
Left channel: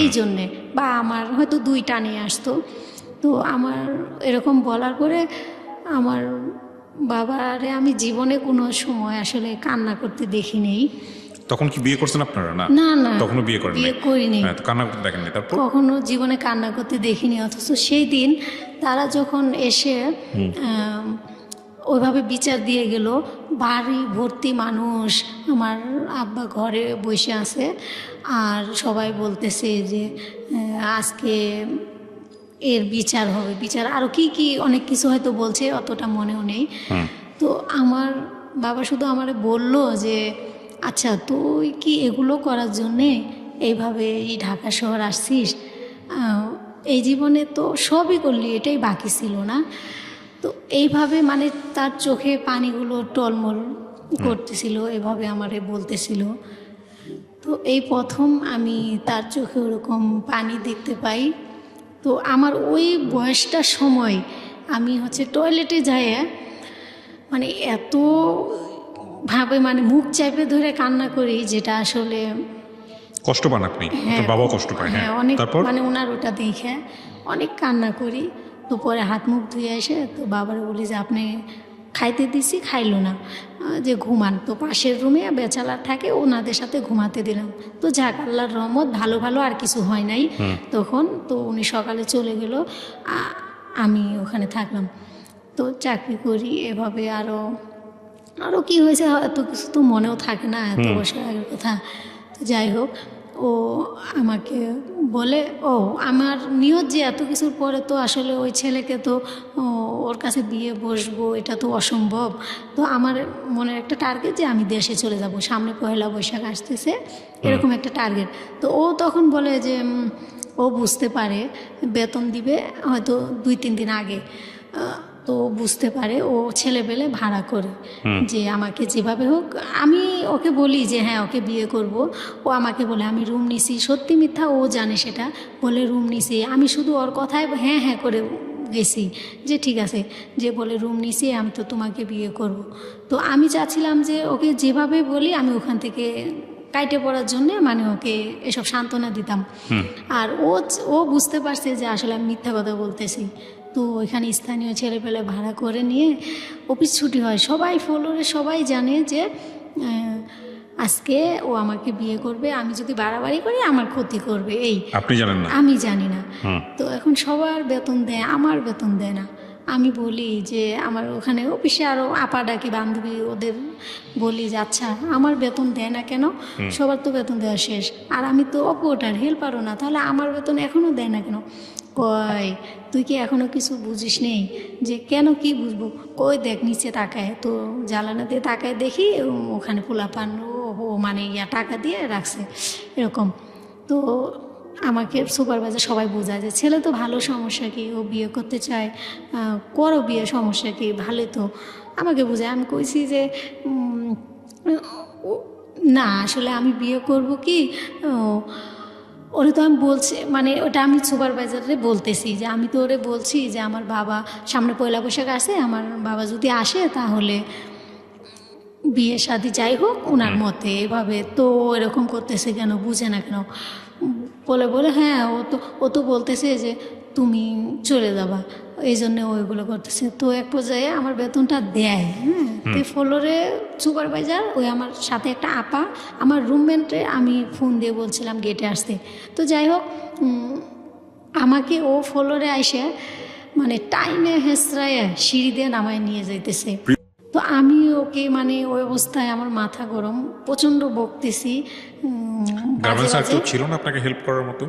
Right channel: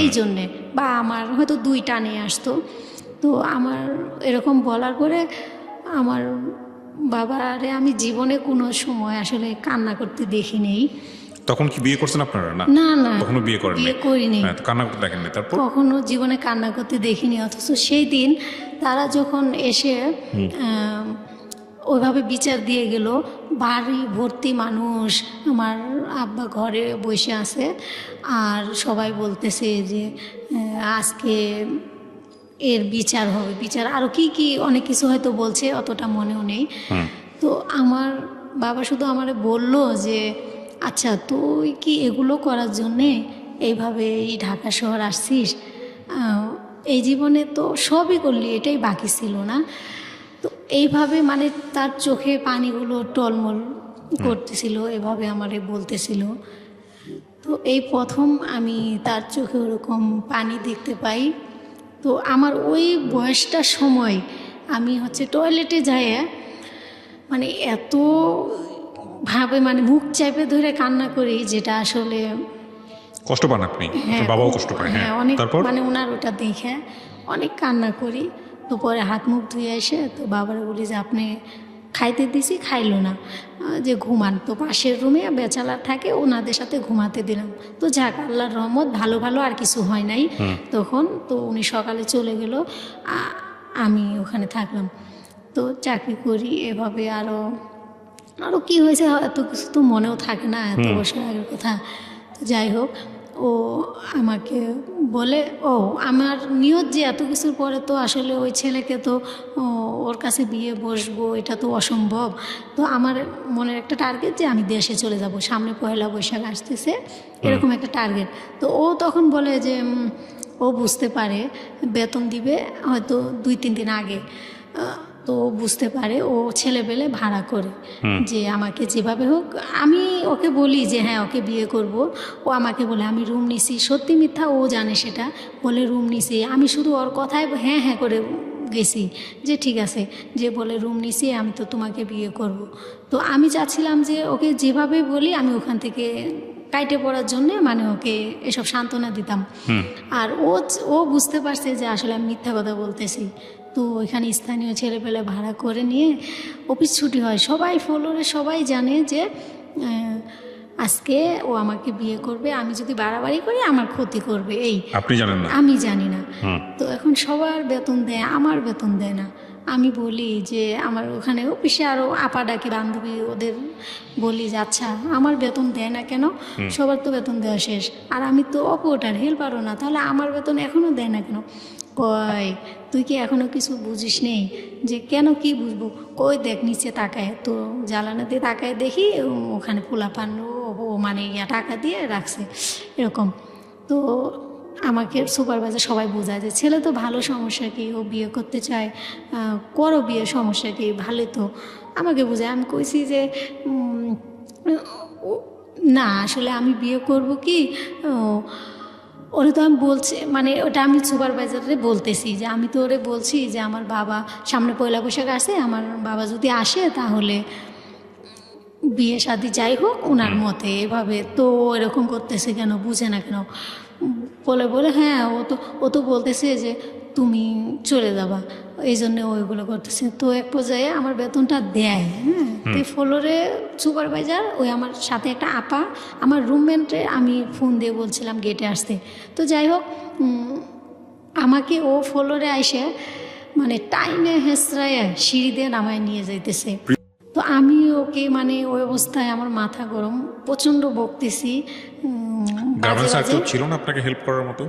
এই জন্যে, বা আমার হয়তো 2টা নিয়ে আসতো। তো আমার এরকম বলার পরে আমার বাবারে আমি জীবনে কোনো সময় আসলে কান্না করতে দেখি নেই। তখন কি বিয়ে করছেন আপনারা? না না না, তখনও বিয়ে করেন? বিয়ে করিনি, হ্যাঁ, তো কান্না করতে দেখেন না তারপর? কখনো জীবনে কান্না করতে দেখিনি। অথচ সেই দিন তারা যখন এসে ওইভাবে বিচার দিয়ে গেল, বাড়ি ভর্তি মানুষ, আমার আব্বা ঘরে বসে আছে, আর সবাই বলতেছে যে আজকে এর বিচার হবে, বিচার আরও কি কি অনেক কিছু হয়তো বলছে, অতটা মনেও নেই। তো আমার বাবা শুধু আমারে বললো যে আচ্ছা তুই কি এগুলো করার জন্যে এইভাবে এই ঢাকা শহর আসছিস? এই জীবনে তো সবই করলি, এটাই বাকি ছিল না? তো এইভাবে মানে তার চোখে পানিগুলো টলমল করতেছিল, এভাবে আমারে বলতেছিল। তো এই প্রথম আমি তার চোখে ওরকম পানি দেখতে পাই। তো আমার ওই বয়সটার সময় আমি টয়লেটে যাই, মানে এত ভাবে মানে মুখ চাপে ধরে কান্না করি, যেটা আসলে কষ্ট পান আপনি? আপনার বাবাও কষ্ট পায়? হ্যাঁ, অনেক, তারপর? মানে ওনার ওটা দেখে অনেক কান্না করি। তো পরে হাত মুখ ধুয়ে এসে তো বাবারে বলি যে আপনি খাইতে দিছি, খাইলো না, যে ঘুমান। তো পাশের রুমে বেচালার থাকে, ওনাদের সাথে ঘুমাতে দিলাম। তো যাক, আল্লাহর রহমত, ভালো ভালো আর কিছু হয় নাই তখন। তো উনি সকালে চলে গেল, আমি ওখানে থাকলাম। তো চাকরি করি এভাবে, আরও কি হয়েছে হয়তো কিছু তো মনেও থাকে না, এত বছর আগের কথা। তো যাই হোক, ও আমাকে বলে, ও আমার নিয়ত যে এত কিছুর পরে তো আসলে ওই ছেলেকে তো ওর কাছে বিয়ে বসবো এটা তো অসম্ভব। তো আমার মনের একটা টার্গেট যে আমি দেশে চলে যাব, সামনে পয়লা বৈশাখ আসতেছে, এরকম একটা টার্গেট। তো ও তখন বলে যে ও বুঝতে পারে বেতন দিবে হয়তো 2-3 দিন আগে। তো ও বুঝতে পারে, ও ছেলেবেলে ভাড়া করে যে আমাকে যেভাবে হোক। আমি ওকে বলি যে হ্যাঁ ওকে বিয়ে করব। ও আমাকে বলে আমি রুম নিছি, সত্যি মিথ্যা ও জানে সেটা, বলে রুম নিছি। আমি শুধু ওর কথায় হ্যাঁ হ্যাঁ করে গেছি যে ঠিক আছে, যে বলে রুম নিছি আমি তো তোমাকে বিয়ে করব। তো আমি চাচ্ছিলাম যে ওকে যেভাবে বলি আমি ওখান থেকে কাইটে পড়ার জন্য মানে ওকে এসব সান্ত্বনা দিতাম। আর ও বুঝতে পারছে যে আসলে আমি মিথ্যা কথা বলতেছি। তো ওইখানে স্থানীয় ছেলেপেলে ভাড়া করে নিয়ে অফিস ছুটি হয়, সবাই ফ্লোরে সবাই জানে যে আজকে ও আমাকে বিয়ে করবে, আমি যদি বাড়াবাড়ি করি আমার ক্ষতি করবে, এই আপনি জানেন না? আমি জানি না। তো এখন সবার বেতন দেয়, আমার বেতন দেয় না। আমি বলি যে আমার ওখানে অফিসে আরও আপা ডাকি বান্ধবী, ওদের বলি যে আচ্ছা আমার বেতন দেয় না কেন, সবার তো বেতন দেওয়া শেষ, আর আমি তো অপরটার হেল্পারও না, তাহলে আমার বেতন এখনও দেয় না কেন? কই তুই কি এখনো কিছু বুঝিস নেই? যে কেন কি বুঝবো? কই দেখ নিচে তাকায়, তো জ্বালানা দিয়ে তাকায় দেখি ওখানে পোলাপান ও মানে টাকা দিয়ে রাখছে এরকম। তো আমাকে সুপারভাইজার সবাই বোঝায় যে ছেলে তো ভালো, সমস্যা কি, ও বিয়ে করতে চায়, করো বিয়ে, সমস্যা কি, ভালো তো। আমাকে বোঝায়। আমি কইছি যে না আসলে আমি বিয়ে করব কি, ওরা তো আমি বলছি মানে ওটা আমি সুপারভাইজারে বলতেছি যে আমি তো ওরে বলছি যে আমার বাবা সামনে পয়লা বৈশাখ আসে, আমার বাবা যদি আসে তাহলে বিয়ে শাদী যাই হোক ওনার মতে এভাবে। তো এরকম করতেছে কেন, বুঝে না কেন? বলে হ্যাঁ ও তো বলতেছে যে তুমি চলে যাবা, এই জন্য ওইগুলো করতেছে। তো এক পর্যায়ে আমার বেতনটা দেয়, হ্যাঁ, ফ্লোরে সুপারভাইজার ওই আমার সাথে একটা আপা, আমার রুমমেটে আমি ফোন দিয়ে বলছিলাম গেটে আসতে। তো যাই হোক আমাকে ও ফ্লোরে আইসে মানে টাইমে হেসরায় সিঁড়ি দিয়ে নামায় নিয়ে যাইতেছে। তো আমি ওকে মানে ওই অবস্থায় আমার মাথা গরম, প্রচণ্ড বকতেছি। গ্রামের স্যার কেউ ছিল না আপনাকে হেল্প করার মতো?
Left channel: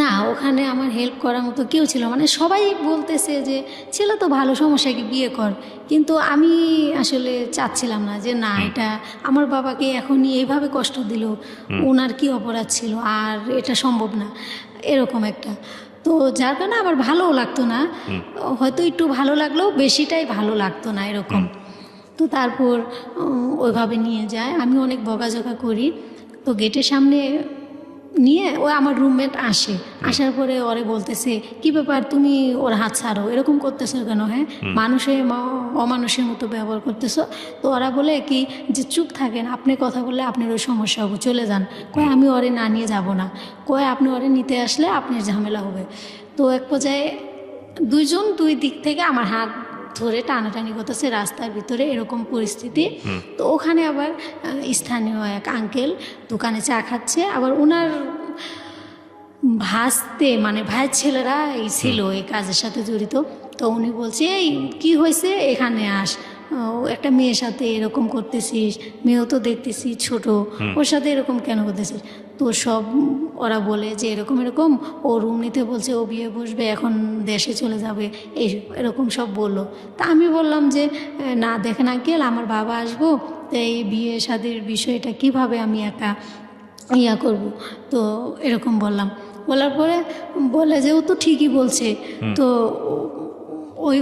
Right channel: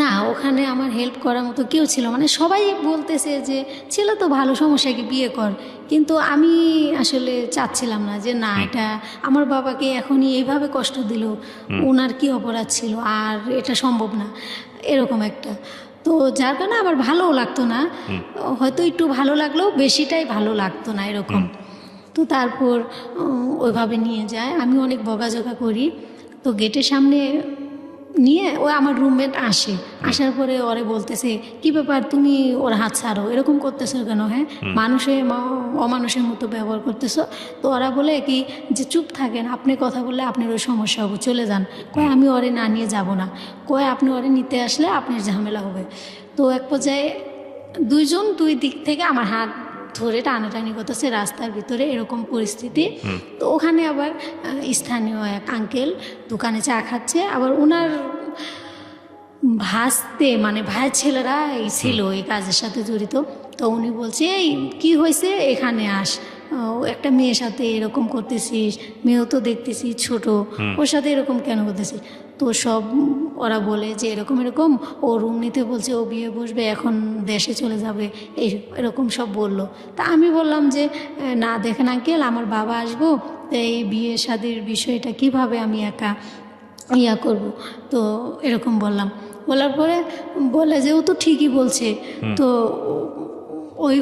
না, ওখানে আমার হেল্প করার মতো কেউ ছিল, মানে সবাই বলতেছে যে ছিল তো ভালো, সমস্যা কি, বিয়ে কর। কিন্তু আমি আসলে চাচ্ছিলাম না যে না, এটা আমার বাবাকে এখনই এইভাবে কষ্ট দিল, ওনার কি অপরাধ ছিল, আর এটা সম্ভব না এরকম একটা। তো যার কারণে আবার ভালোও লাগতো না, হয়তো একটু ভালো লাগলেও বেশিটাই ভালো লাগতো না এরকম। তো তারপর ওইভাবে নিয়ে যায়, আমি অনেক বকাঝকা করি। তো গেটের সামনে নিয়ে ও আমার রুমমেট আসার পরে ওরে বলতেছে কি ব্যাপার, তুমি ওর হাত ছাড়ো, এরকম করতেছো কেন? হ্যাঁ, মানুষের অমানুষের মতো ব্যবহার করতেছো। তো ওরা বলে কি যে চুপ থাকেন, আপনি কথা বললে আপনার ওই সমস্যা হবে, চলে যান। কয় আমি ওরে না নিয়ে যাব না, কয় আপনি ওরে নিতে আসলে আপনার ঝামেলা হবে। তো এক পর্যায়ে দুইজন দুই দিক থেকে আমার হাত ধরে টানাটানি করতেছে রাস্তার ভিতরে, এরকম পরিস্থিতি। তো ওখানে আবার স্থানীয় এক আঙ্কেল দোকানে চা খাচ্ছে, আবার ওনার ভাসতে মানে ভাইয়ের ছেলেরা এই ছিল এই কাজের সাথে জড়িত। তো উনি বলছে এই কী হয়েছে, এখানে আস, একটা মেয়ের সাথে এরকম করতেছিস, মেয়েও তো দেখতেছি ছোট, ওর সাথে এরকম কেন করতেছিস? তো সব ওরা বলে যে এরকম এরকম, ও রুম নিতে বলছে, ও বিয়ে বসবে, এখন দেশে চলে যাবে, এরকম সব বললো। তা আমি বললাম যে না দেখেন আঙ্কেল, আমার বাবা আসবো, এই বিয়ে শাদীর বিষয়টা কিভাবে আমি একা করব। তো এরকম বললাম, বলার পরে বলে যে ও তো ঠিকই বলছে। তো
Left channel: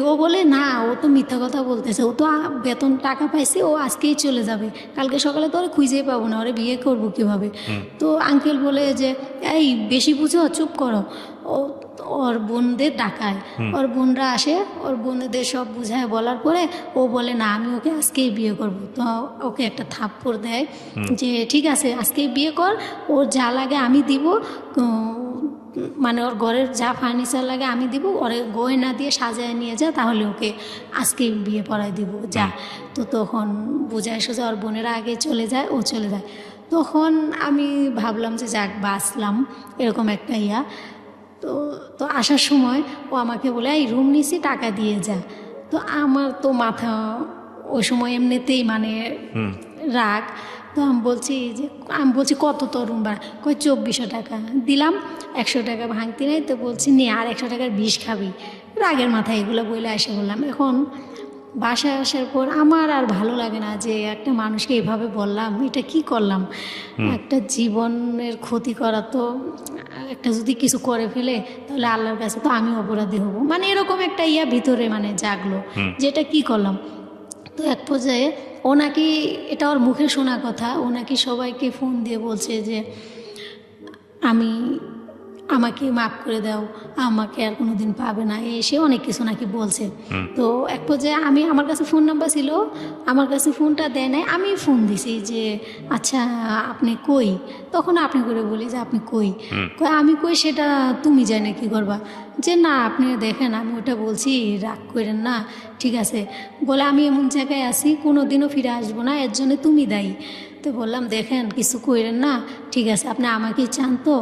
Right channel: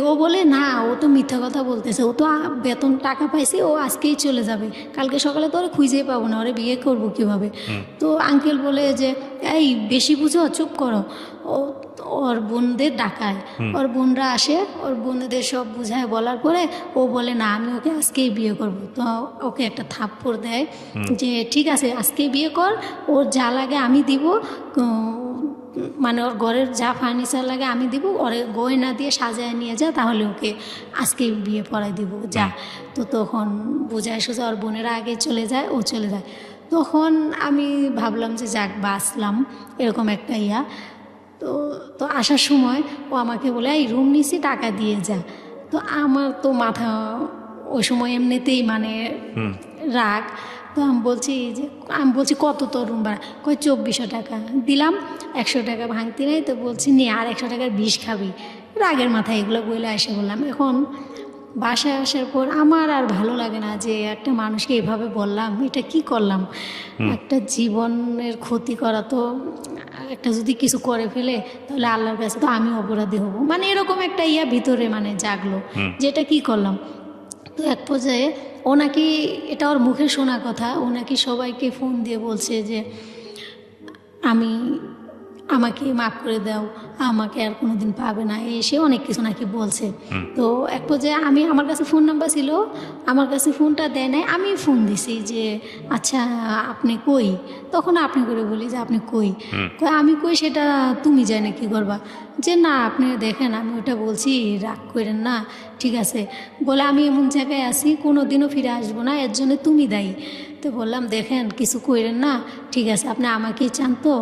ও বলে না, ও তো মিথ্যা কথা বলতেছে, ও তো বেতন টাকা পাইছে, ও আজকেই চলে যাবে, কালকে সকালে তো ওরা খুঁজেই পাবো না, ওরা বিয়ে করবো কীভাবে? তো আঙ্কেল বলে যে এই বেশি বুঝো, চুপ করো। ওর বোনদের ডাকায়, ওর বোনরা আসে, ওর বোনদের সব বুঝায় বলার পরে ও বলে না আমি ওকে আজকেই বিয়ে করব। তো ওকে একটা থাপ্পড় দেয় যে ঠিক আছে আজকেই বিয়ে কর, ওর যা লাগে আমি দিব, মানে ওর ঘরের যা ফার্নিচার লাগে আমি দিব, ওর গয়না দিয়ে সাজিয়ে নিয়ে যাও, তাহলে ওকে আজকে বিয়ে পড়াই দিব যা। তো তখন বোঝায় সোজা ওর বোনেরা আগে চলে যায়, ও চলে যায়। তখন আমি ভাবলাম যে যাক বাঁচলাম, এরকম একটা ইয়া। তো আসার সময় ও আমাকে বলে এই রুম নিচে টাকা দিয়ে যা। তো আমার তো মাথা ওই সময় এমনিতেই মানে রাগ, তো আমি বলছি কত তরুণ ভাড়া, কয় 2400 টাকা দিলাম, 100 টাকা ভাঙতি নেই, তো বলছি নিয়ে আর 100 টাকার বিষ খাবি। রাগের মাথায় এগুলো বলে এসে বললাম। এখন বাসায় আসার পর আমার আর ভালো লাগে না যে একটা মানুষকে এভাবে বললাম, এটা কি করলাম, একটা জীবনের ক্ষতি করা। তো একটা যদি কিছু করে ফেলে তাহলে আল্লাহর কাছে তো আমি অপরাধী হব, মানে এরকম একটা ভিতরে মানে জাগলো যেটা কি করলাম। তো এক পর্যায়ে ও নাকি, এটা ওর মুখে শোনা কথা, ও নাকি সবাইকে ফোন দিয়ে বলছে যে আমাকে মাফ করে দাও, আমাকে আর কোনোদিন পাবে না, এসে অনেক কিছু নাকি বলছে। তো এক পর্যায়ে আমার কাছে ফোন নাম্বার ছিল, আমার কাছে ফোনটা দেয় নাই, আমি ফোন দিছি যে আচ্ছা আপনি কই, তখন আপনি করে বলি যে আপনি কই, আমি কই সেটা তুমি জানে কি করবা, যে না আপনি দেখেন আমি ওটা বলছি, রাগ করেন না, ঠিক আছে, বলে আমি এমন জায়গায় আছি কোনো দিনও ফিরে আসবো না, এর জন্য তুমি দায়ী। তো বললাম দেখেন কিছু করেন না, ঠিক আছে আপনি আমাকেই চান তো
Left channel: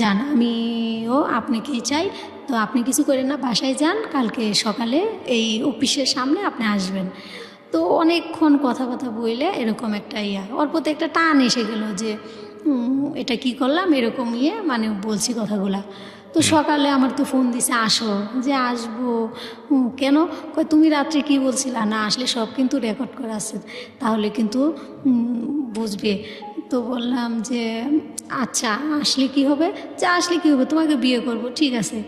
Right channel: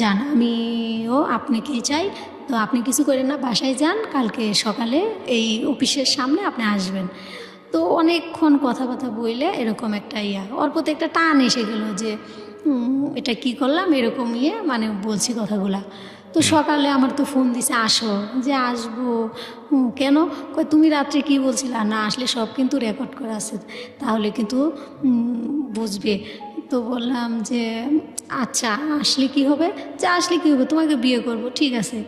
যান, আমিও আপনাকেই চাই, তো আপনি কিছু করেন না, বাসায় যান, কালকে সকালে এই অফিসের সামনে আপনি আসবেন। তো অনেকক্ষণ কথা বললে এরকম একটা ওর প্রতি একটা টান এসে গেল যে এটা কি করলাম, এরকম মানে বলছি কথাগুলা। তো সকালে আমার তো ফোন দিছে আসো, যে আসবো, কেন, তুমি রাত্রে কি বলছিলা, না আসলে সব কিন্তু রেকর্ড করা আছে, তাহলে কিন্তু বুঝবে। তো বললাম যে আচ্ছা আসলে কি হবে, যে আসলে কি হবে, তোমাকে বিয়ে করবো, ঠিক আছে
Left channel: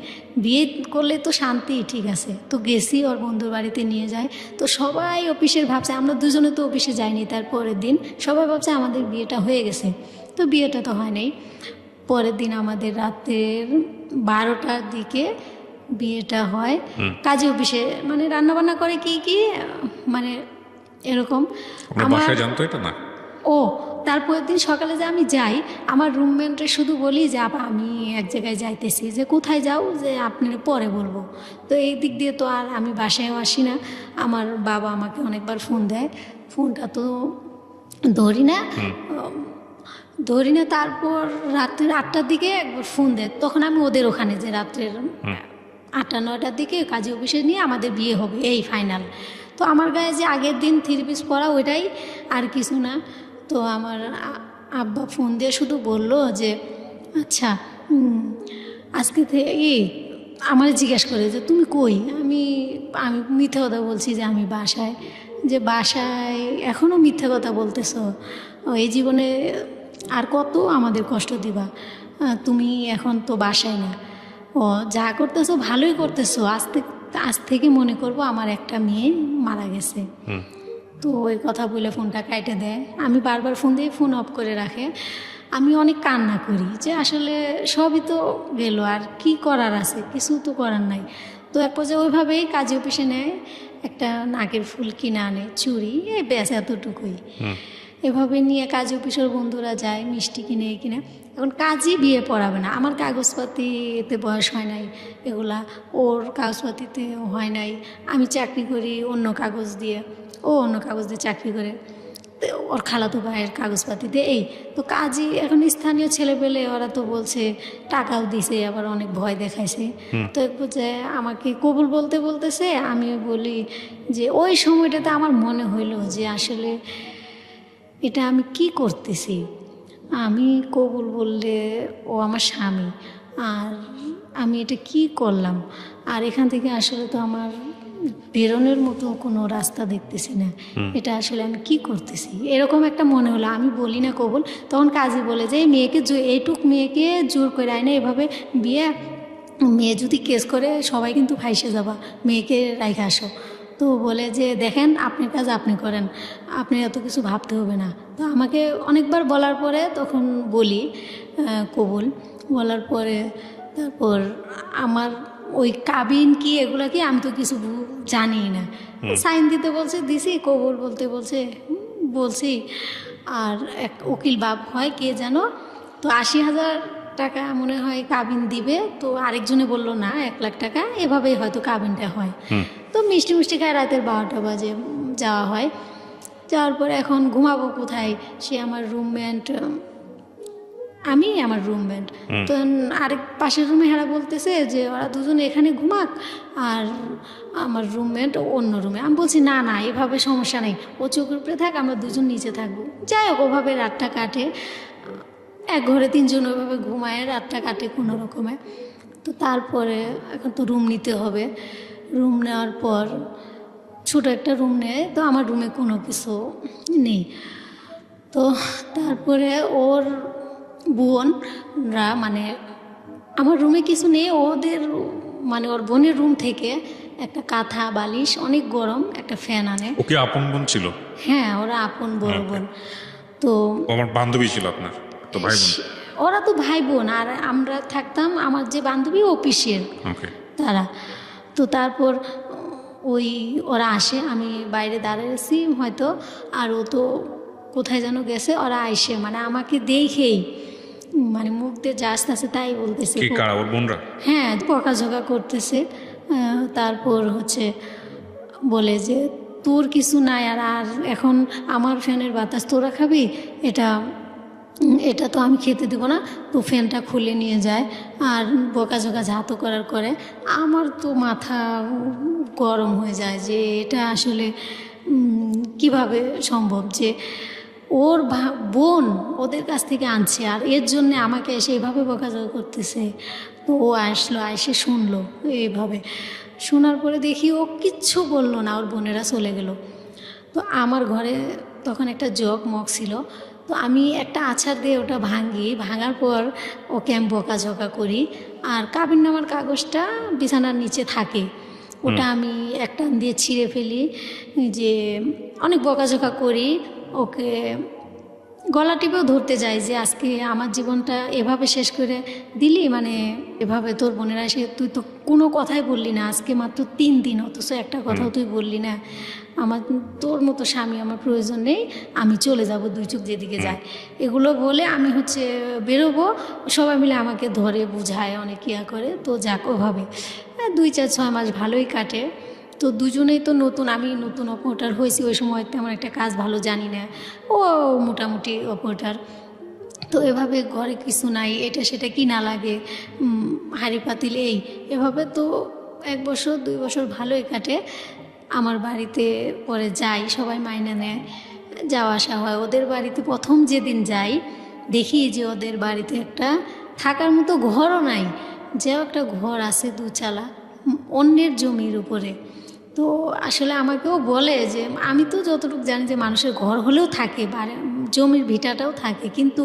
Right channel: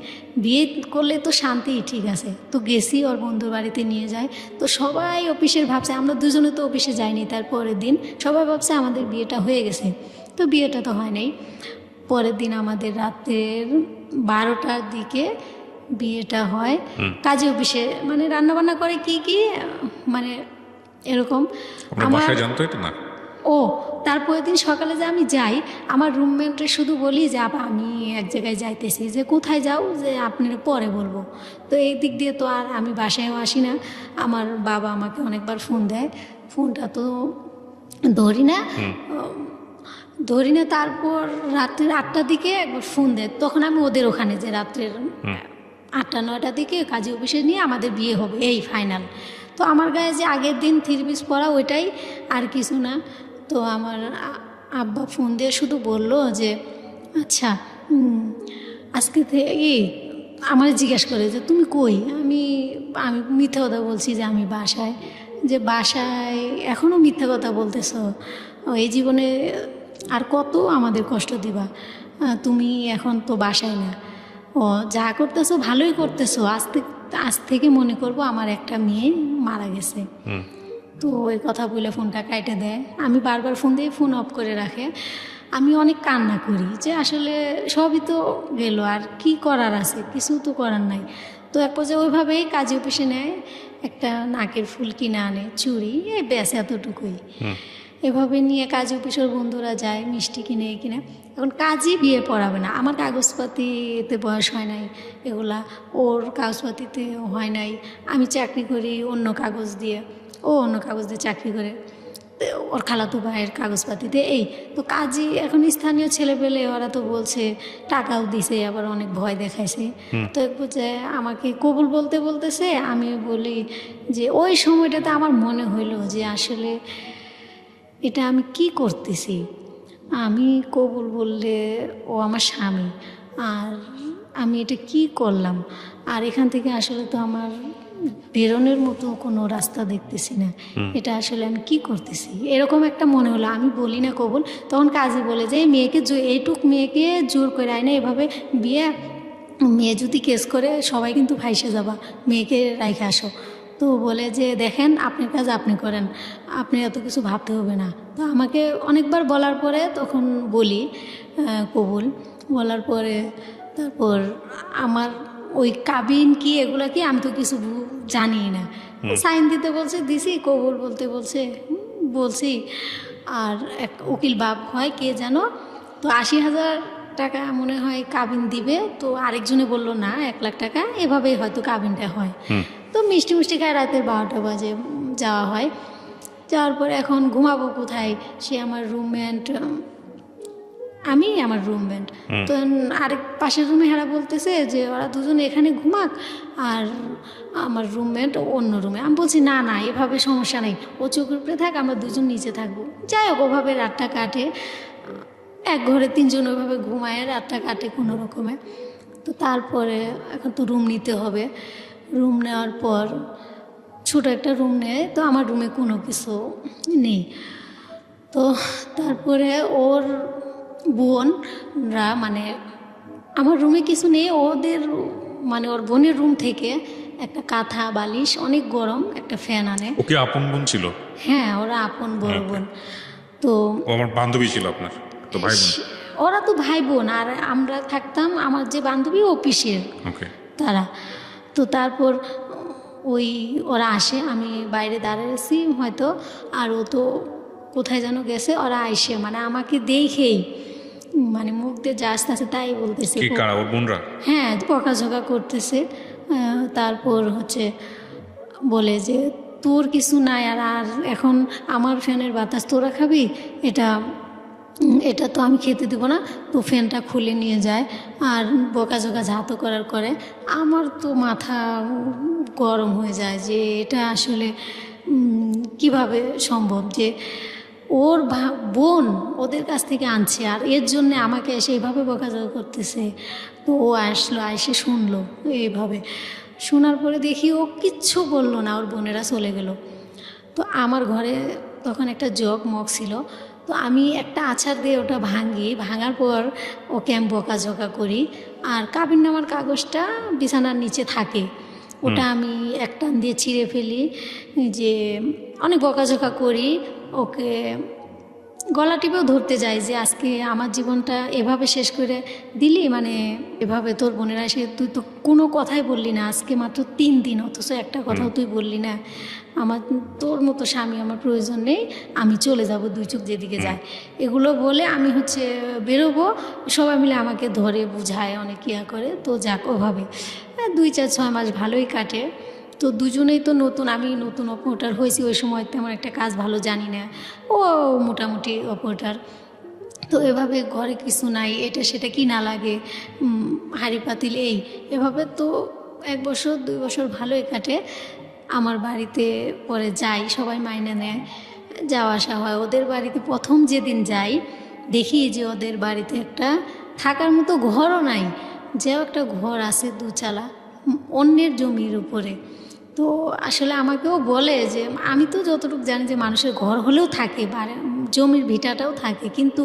বিয়ে করলে তো শান্তি, ঠিক আছে। তো গেছি ওর বন্ধুর বাড়িতে নিয়ে যায়, তো সবাই অফিসের ভাবছে, আমরা দুজনে তো অফিসে যাইনি, তার পরের দিন সবাই ভাবছে আমাদের বিয়েটা হয়ে গেছে, তো বিয়েটা তো হয় নাই। পরের দিন আমাদের রাতের 12টার দিকে বিয়েটা হয় কাজী অফিসে, মানে রান্নাবান্না করে কি মানে এরকম। আমার জানতো এটা না। ও তারপরের দিন সকালে যে আমি যাই, আমার রুমমেটে শুধু বলি যে আমি এক জায়গায় যাইতেছি, যে কোথায় যাও, যে আপনার পরে বলবো। তো এই দিক দিয়ে তো আর আমি বাসায়ও আসি না, আমার বাবা আমাকে অনেকবার ফোন দেয়, ফোনটা তো ধরি না। তারপর রাত্রের 8টার দিকে একবার ফোন দেয়, তখন আমি ওদের ওখানে, যে রাত্রের 8টা-9টার দিকে কাজী অফিসে নিয়ে আমাদের বিয়ে হবে, এই ফাইনাল। তো আমার গায়ে যে আগের দিন 3 পিস পরা ওইটাই, আর কিছু না। তো আমার আব্বা ফোন দিয়ে শুধু বলল যে আচ্ছা আজকে থেকে আমার জিজ্ঞেস করে যে তুমি কই, আমি মিথ্যে কথা বলছি যে আমি বাসায়, যে বাসায় এখনও মিথ্যে কথা বলতেছো, এই জীবনে আর কত আমাদের কষ্ট দিবা, তুমি এখন তো বাসায় না, ও যা করতেছো ভালোই করতেছো, আজ থেকে মনে করবো আমার একটা মেয়ে মারা গেছে। তো ওই কথা বলে ফোনটা কেটে দেয়, আমি বারবার ফোন দিয়ে ফোন অফ করে রাখে। আমি অনেক কান্না করি যে আসলে সবই তো গেল, আর কি করার আছে, কিছু তো করার নাই। তো এক পর্যায়ে ওইভাবেই কাজী অফিসে নেয়, একটা নাকের ফুল কিনে আনে, চুড়ি, ব্যাস এতটুকুই। এভাবে নিয়ে কাজী অফিসের বন্ধুরা যায় মিষ্টি কিনে। এখন কাজই বিয়ে পড়াবে না, আমার কাগজপাতিতে বয়স হয় নাই, এগুলা ওর কাগজপাতিতে হয় নাই, আমি চাকরি করি অন্য কাগজ দিয়ে, ও অন্য কাগজ দিয়ে চাকরি করে, ওর খালাতো ভাইয়ের কাগজপাতিতে এই। তো কাজী এখন স্থানীয় ছেলেপেলে ওরা তো বলছে, টাকাও দিছে, আবার অনেক ভয় দেখাইছে। তো যে আমাকে কবুল বলতেছে, আমি বলি যে ওই সময়টাতে আমার মনে হইলো যে আসলে এটা আমি কি করতেছি, আমি কবুল বললে ও আমার স্বামী, আর আমি এটা কি করলাম, আর এখান থেকে আসলে তো আমার বেরোনোর মতো কোনো রাস্তা দেখতেছি না, এটা আসলে আমি কি করতেছি, এরকম একটা মনে হলো। আমি বলি না কবুল, তখন কাজী বলে যে এইটুক মেয়েকে জোর করে আয় না, এভাবে বিয়ে, মেয়ে যদি কেস করে সবাই কিন্তু ফাইসে যাবা, মেয়েকে রেখে আসো। তো বলে যে দেখেন আপনার কাজ আপনি করেন, আপনি এত কিছু ভাবতে হবে না। তো আমাকে অনেকবার বলার পরে তখন বলি কবুল, বলার পরে তারপর আমার ওই কাবিন কি এগুলো কি আমি তো কিছু জানি না, সাইন দিতে বলছে দিছি, কবুল বলতে বলছি। আর এক উকিল বাপ হয় কে যেন, তো 80,000 টাকা মনে হয় কাবিন দিবে, তো আরেকজনে বললো না 1 লাখ টাকা, এভাবেই হয়তো কাবিনটা হয়। তো মিষ্টি খায় রাতের 12টা বাজে যাওয়া হয়। যাওয়ার পর এখন ঘুমাবো কোথায়, সে আমার রুমমেট আমি আমার রুমমেট। তো আরেক পাশের রুমে হেরা বলতেছে যে ওরা দুজন এখানে ঘুমাক আর আমার রুমমেট অন্য রুমে। আমি বলছি না না, এভাবে সমস্যা নেই, ও চোখের উপরে থাক, আমরা দুজন নিচে থাকবো। যাই হোক, ওভাবে রাতটা কাটে, এক ঘরে তিনজন ওইভাবে ঘুমায়, রাতটা কাটে কোনো রকমে। তো তারপরে এখন তো রুম নিতে হবে। রুম নেওয়ার পর ছোটো একটা রুম নেয়, তো আমার রুমে কোনো কিছু নেই। তো তারপরে ওর বোনরা, মানে আমার রুমে কিছু নেই, ওদের মানে ওর বোনের রুম থেকে একটা কাঁথা বালিশ, অনেক গরম, একটা ফ্যান আনে। ওকে আপন বোন ছিল? হ্যাঁ, ওরা আপন বড় বোন। তো আমার বান্ধবী ছিল আপনার তো ভাই বোন? ওরা তো ভাই বোন, আর আমরা থাকতাম, আমার যে বান্ধবী ও পিসির ওকে। তারা। তো তারপর ওরা আসে, আমি বাইরে দাঁড়িয়ে আছি হয়তো, আর ও তো কোথায় যেন গেছে। ওরা আইসে মানে আমাকে দেখেই মানে মুখ দিয়ে যা আসতেছে তাই বলতেছে। কি কারা ওর বোনরা? হ্যাঁ, বকাঝকা করতেছে। তারপর হচ্ছে বলে যে তোর কিছু নাই, আর এখন আমার ফ্যানের বাতাস তোরা খাবি, এটা এটা তো আমি খেতে দেবো না। তো ফ্যানটা খুলে নিয়ে যায় আর বকাঝকা ঝাঁতো করে। আমার তো মাথা গরম হয়ে যায় যে এটা আসলে কিভাবে সম্ভব যে ওর বোন ওদের কাছ থেকে আনছে আর এর জন্য আমাকে এসে এভাবে বকাঝকা করতেছে। তো ও আসলো, এসে শুনলো এইভাবে। শোনার পরে দেখি ও কিচ্ছু বললো না, ওর বোনেরা চলে গেল। তো আমার ঘরে তখন একটা জগ মগ ছিল, তো আমি একটা আছাড় দিয়ে ওটা ভাঙার পর ওকে আমি বকাঝকা করি। আর কাবিননামার কাগজটা বিছানার নিচে থাকে, ওটা আমি একটা দিয়ে ছিঁড়ে ফেলি, যে অনেক বকাঝকা করি। ওকে গলা টিপেও ধরতে যাই যে আজকে আমার জীবনটা এভাবে শেষ করে দিলি, মানে এভাবে তোর বোনেরা এসে তুই তো কোনো কথাই বললি না, আজকে মাত্র 3 দিন, অথচ একটা কথাও তুই বললি না। আমার তোর মতো স্বামী আমার প্রয়োজন নেই, আমি চলে যাব, 2 চোখ যেদিকে যায়। এগুলো বলে আমি হচ্ছে বেরোবো, সবাই মিলে আমাকে ধরে বুঝায়, অনেক ইয়া করে। তো যাক, ওভাবে 2-4-6 মাস ভালোই কাটে। তো দুজনেই তো নতুন, আমি নতুন অপারেটর হয়েছি, ওই সময় তেমন একটা কাজ ভালো জানি না, ও মোটামুটি অপারেটর। তো এভাবে ঘরে কিছু নাই, এটা সেটা কি না লাগে, হাঁড়ি পাতিল এভাবে তো 1 বছর 2 বছর ভালোই কাটে। আমার বাড়িতে পরে যাই, সবাই মাইনে নেয়, যাওয়া আসা হয়। ওদের বাড়িতে প্রথম যেদিন যাই দেখি যে ওদের বাড়িতে একটা থাকার মতো ঘরও নাই, যে একটা ঘর আছে 2 চালা অন্যের জমির উপরে। তো আসলে আমাকেও বলে যে আমি তো যতটুকু জানি যে মানুষের ঘর হলেও থাকে, জমির ভিটাটাও থাকে, কিন্তু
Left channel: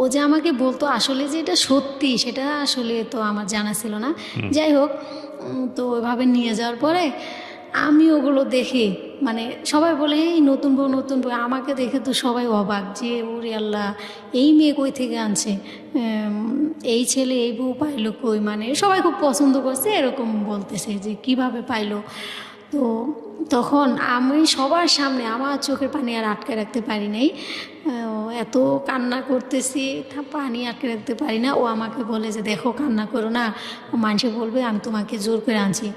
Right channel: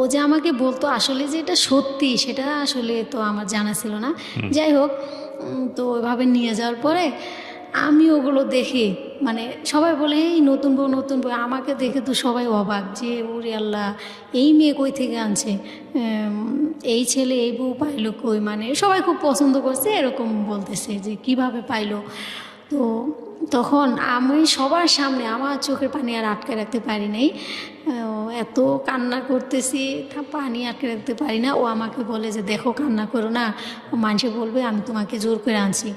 ও যে আমাকে বলতো আসলে যে এটা সত্যি সেটা আসলে তো আমার জানা ছিল না। যাই হোক, তো ওইভাবে নিয়ে যাওয়ার পরে আমি ওগুলো দেখি, মানে সবাই বলে এই নতুন বউ, আমাকে দেখে তো সবাই অবাক যে ওরে আল্লাহ, এই মেয়ে কই থেকে আনছে, এই ছেলে এই বউ পাইলো কই, মানে সবাই খুব পছন্দ করছে এরকম বলতেছে যে কিভাবে পাইলো। তো তখন আমি সবার সামনে আমার চোখের পানি আর আটকে রাখতে পারি নাই, এত কান্না করতেছি, পানি আটকে রাখতে পারি না। ও আমাকে বলে যে দেখো কান্না করো না, মানুষে বলবে আমি তোমাকে জোর করে আনছি,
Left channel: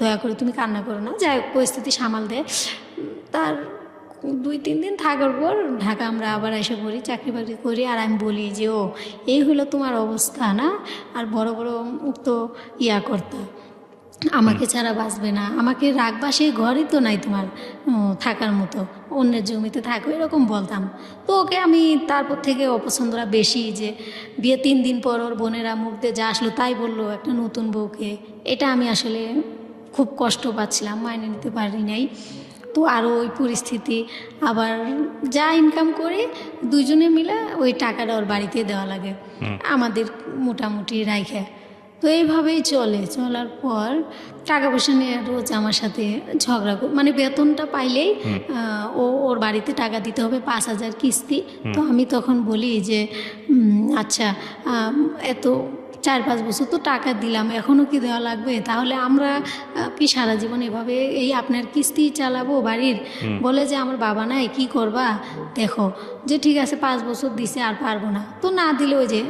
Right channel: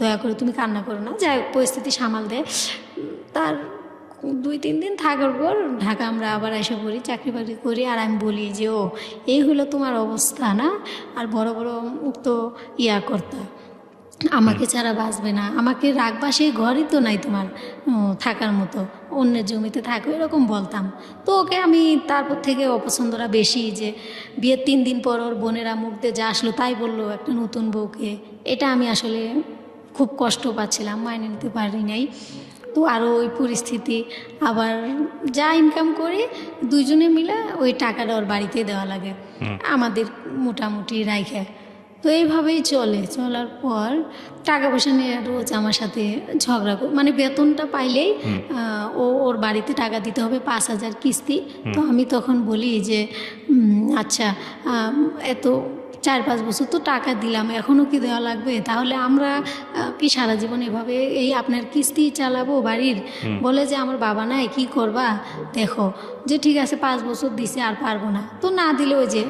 দয়া করে তুমি কান্না করো না। যাই হোক, পরিস্থিতি সামাল দেয়। তার 2-3 দিন থাকার পর ঢাকা আমরা আবার এসে পড়ি, চাকরি বাকরি করি। আর আমি বলি যে ও এই হলো তোমার অবস্থা না, আর বড় তো ইয়া করতে, আমাকে ছাড়া বাঁচবে না, আমাকে রাখবা সেই ঘরই তো নাই তোমার থাকার মতো, অন্যের জমিতে থাকো, এরকম বলতাম। তো ওকে আমি তারপর থেকে অপছন্দরা বেশি, যে বিয়ে 3 দিন পর ওর বোনেরা মুখ দিয়ে যা আসলো তাই বললো একটা নতুন বউকে, এটা আমি আসলে খুব কষ্ট পাচ্ছিলাম, মাইনে নিতে পারি নাই। তো আরও ওই পরিস্থিতি, আবার যা ইনকাম করি দুজনে মিলে ওই টাকাটা ওর বাড়িতে দেওয়া লাগে, আমাদের মোটামুটি রাইখে। তো এইভাবেই চলার পর টাকা পয়সা নিয়ে রোজ আমার সাথে ঝগড়া মানে বেতনটা পাইলেই ওর বাড়িতে টাকা দিতে হবে 5,000 কিস্তি। তো আমি তখন বলি যে আচ্ছা, এত 4-5 বছর তো টাকা দিলাম, এখনও কি দেওয়া লাগবে? তাহলে আমরা কি সারা জীবন এভাবে এই আপনার কিস্তি চালাবো বাড়ির? বলে যে আমার বাবা নাই, কি করবা দেখো, যে ঠিক আছে 5 বছর দিছে আর পারবো না। তো না দিলে ওই যে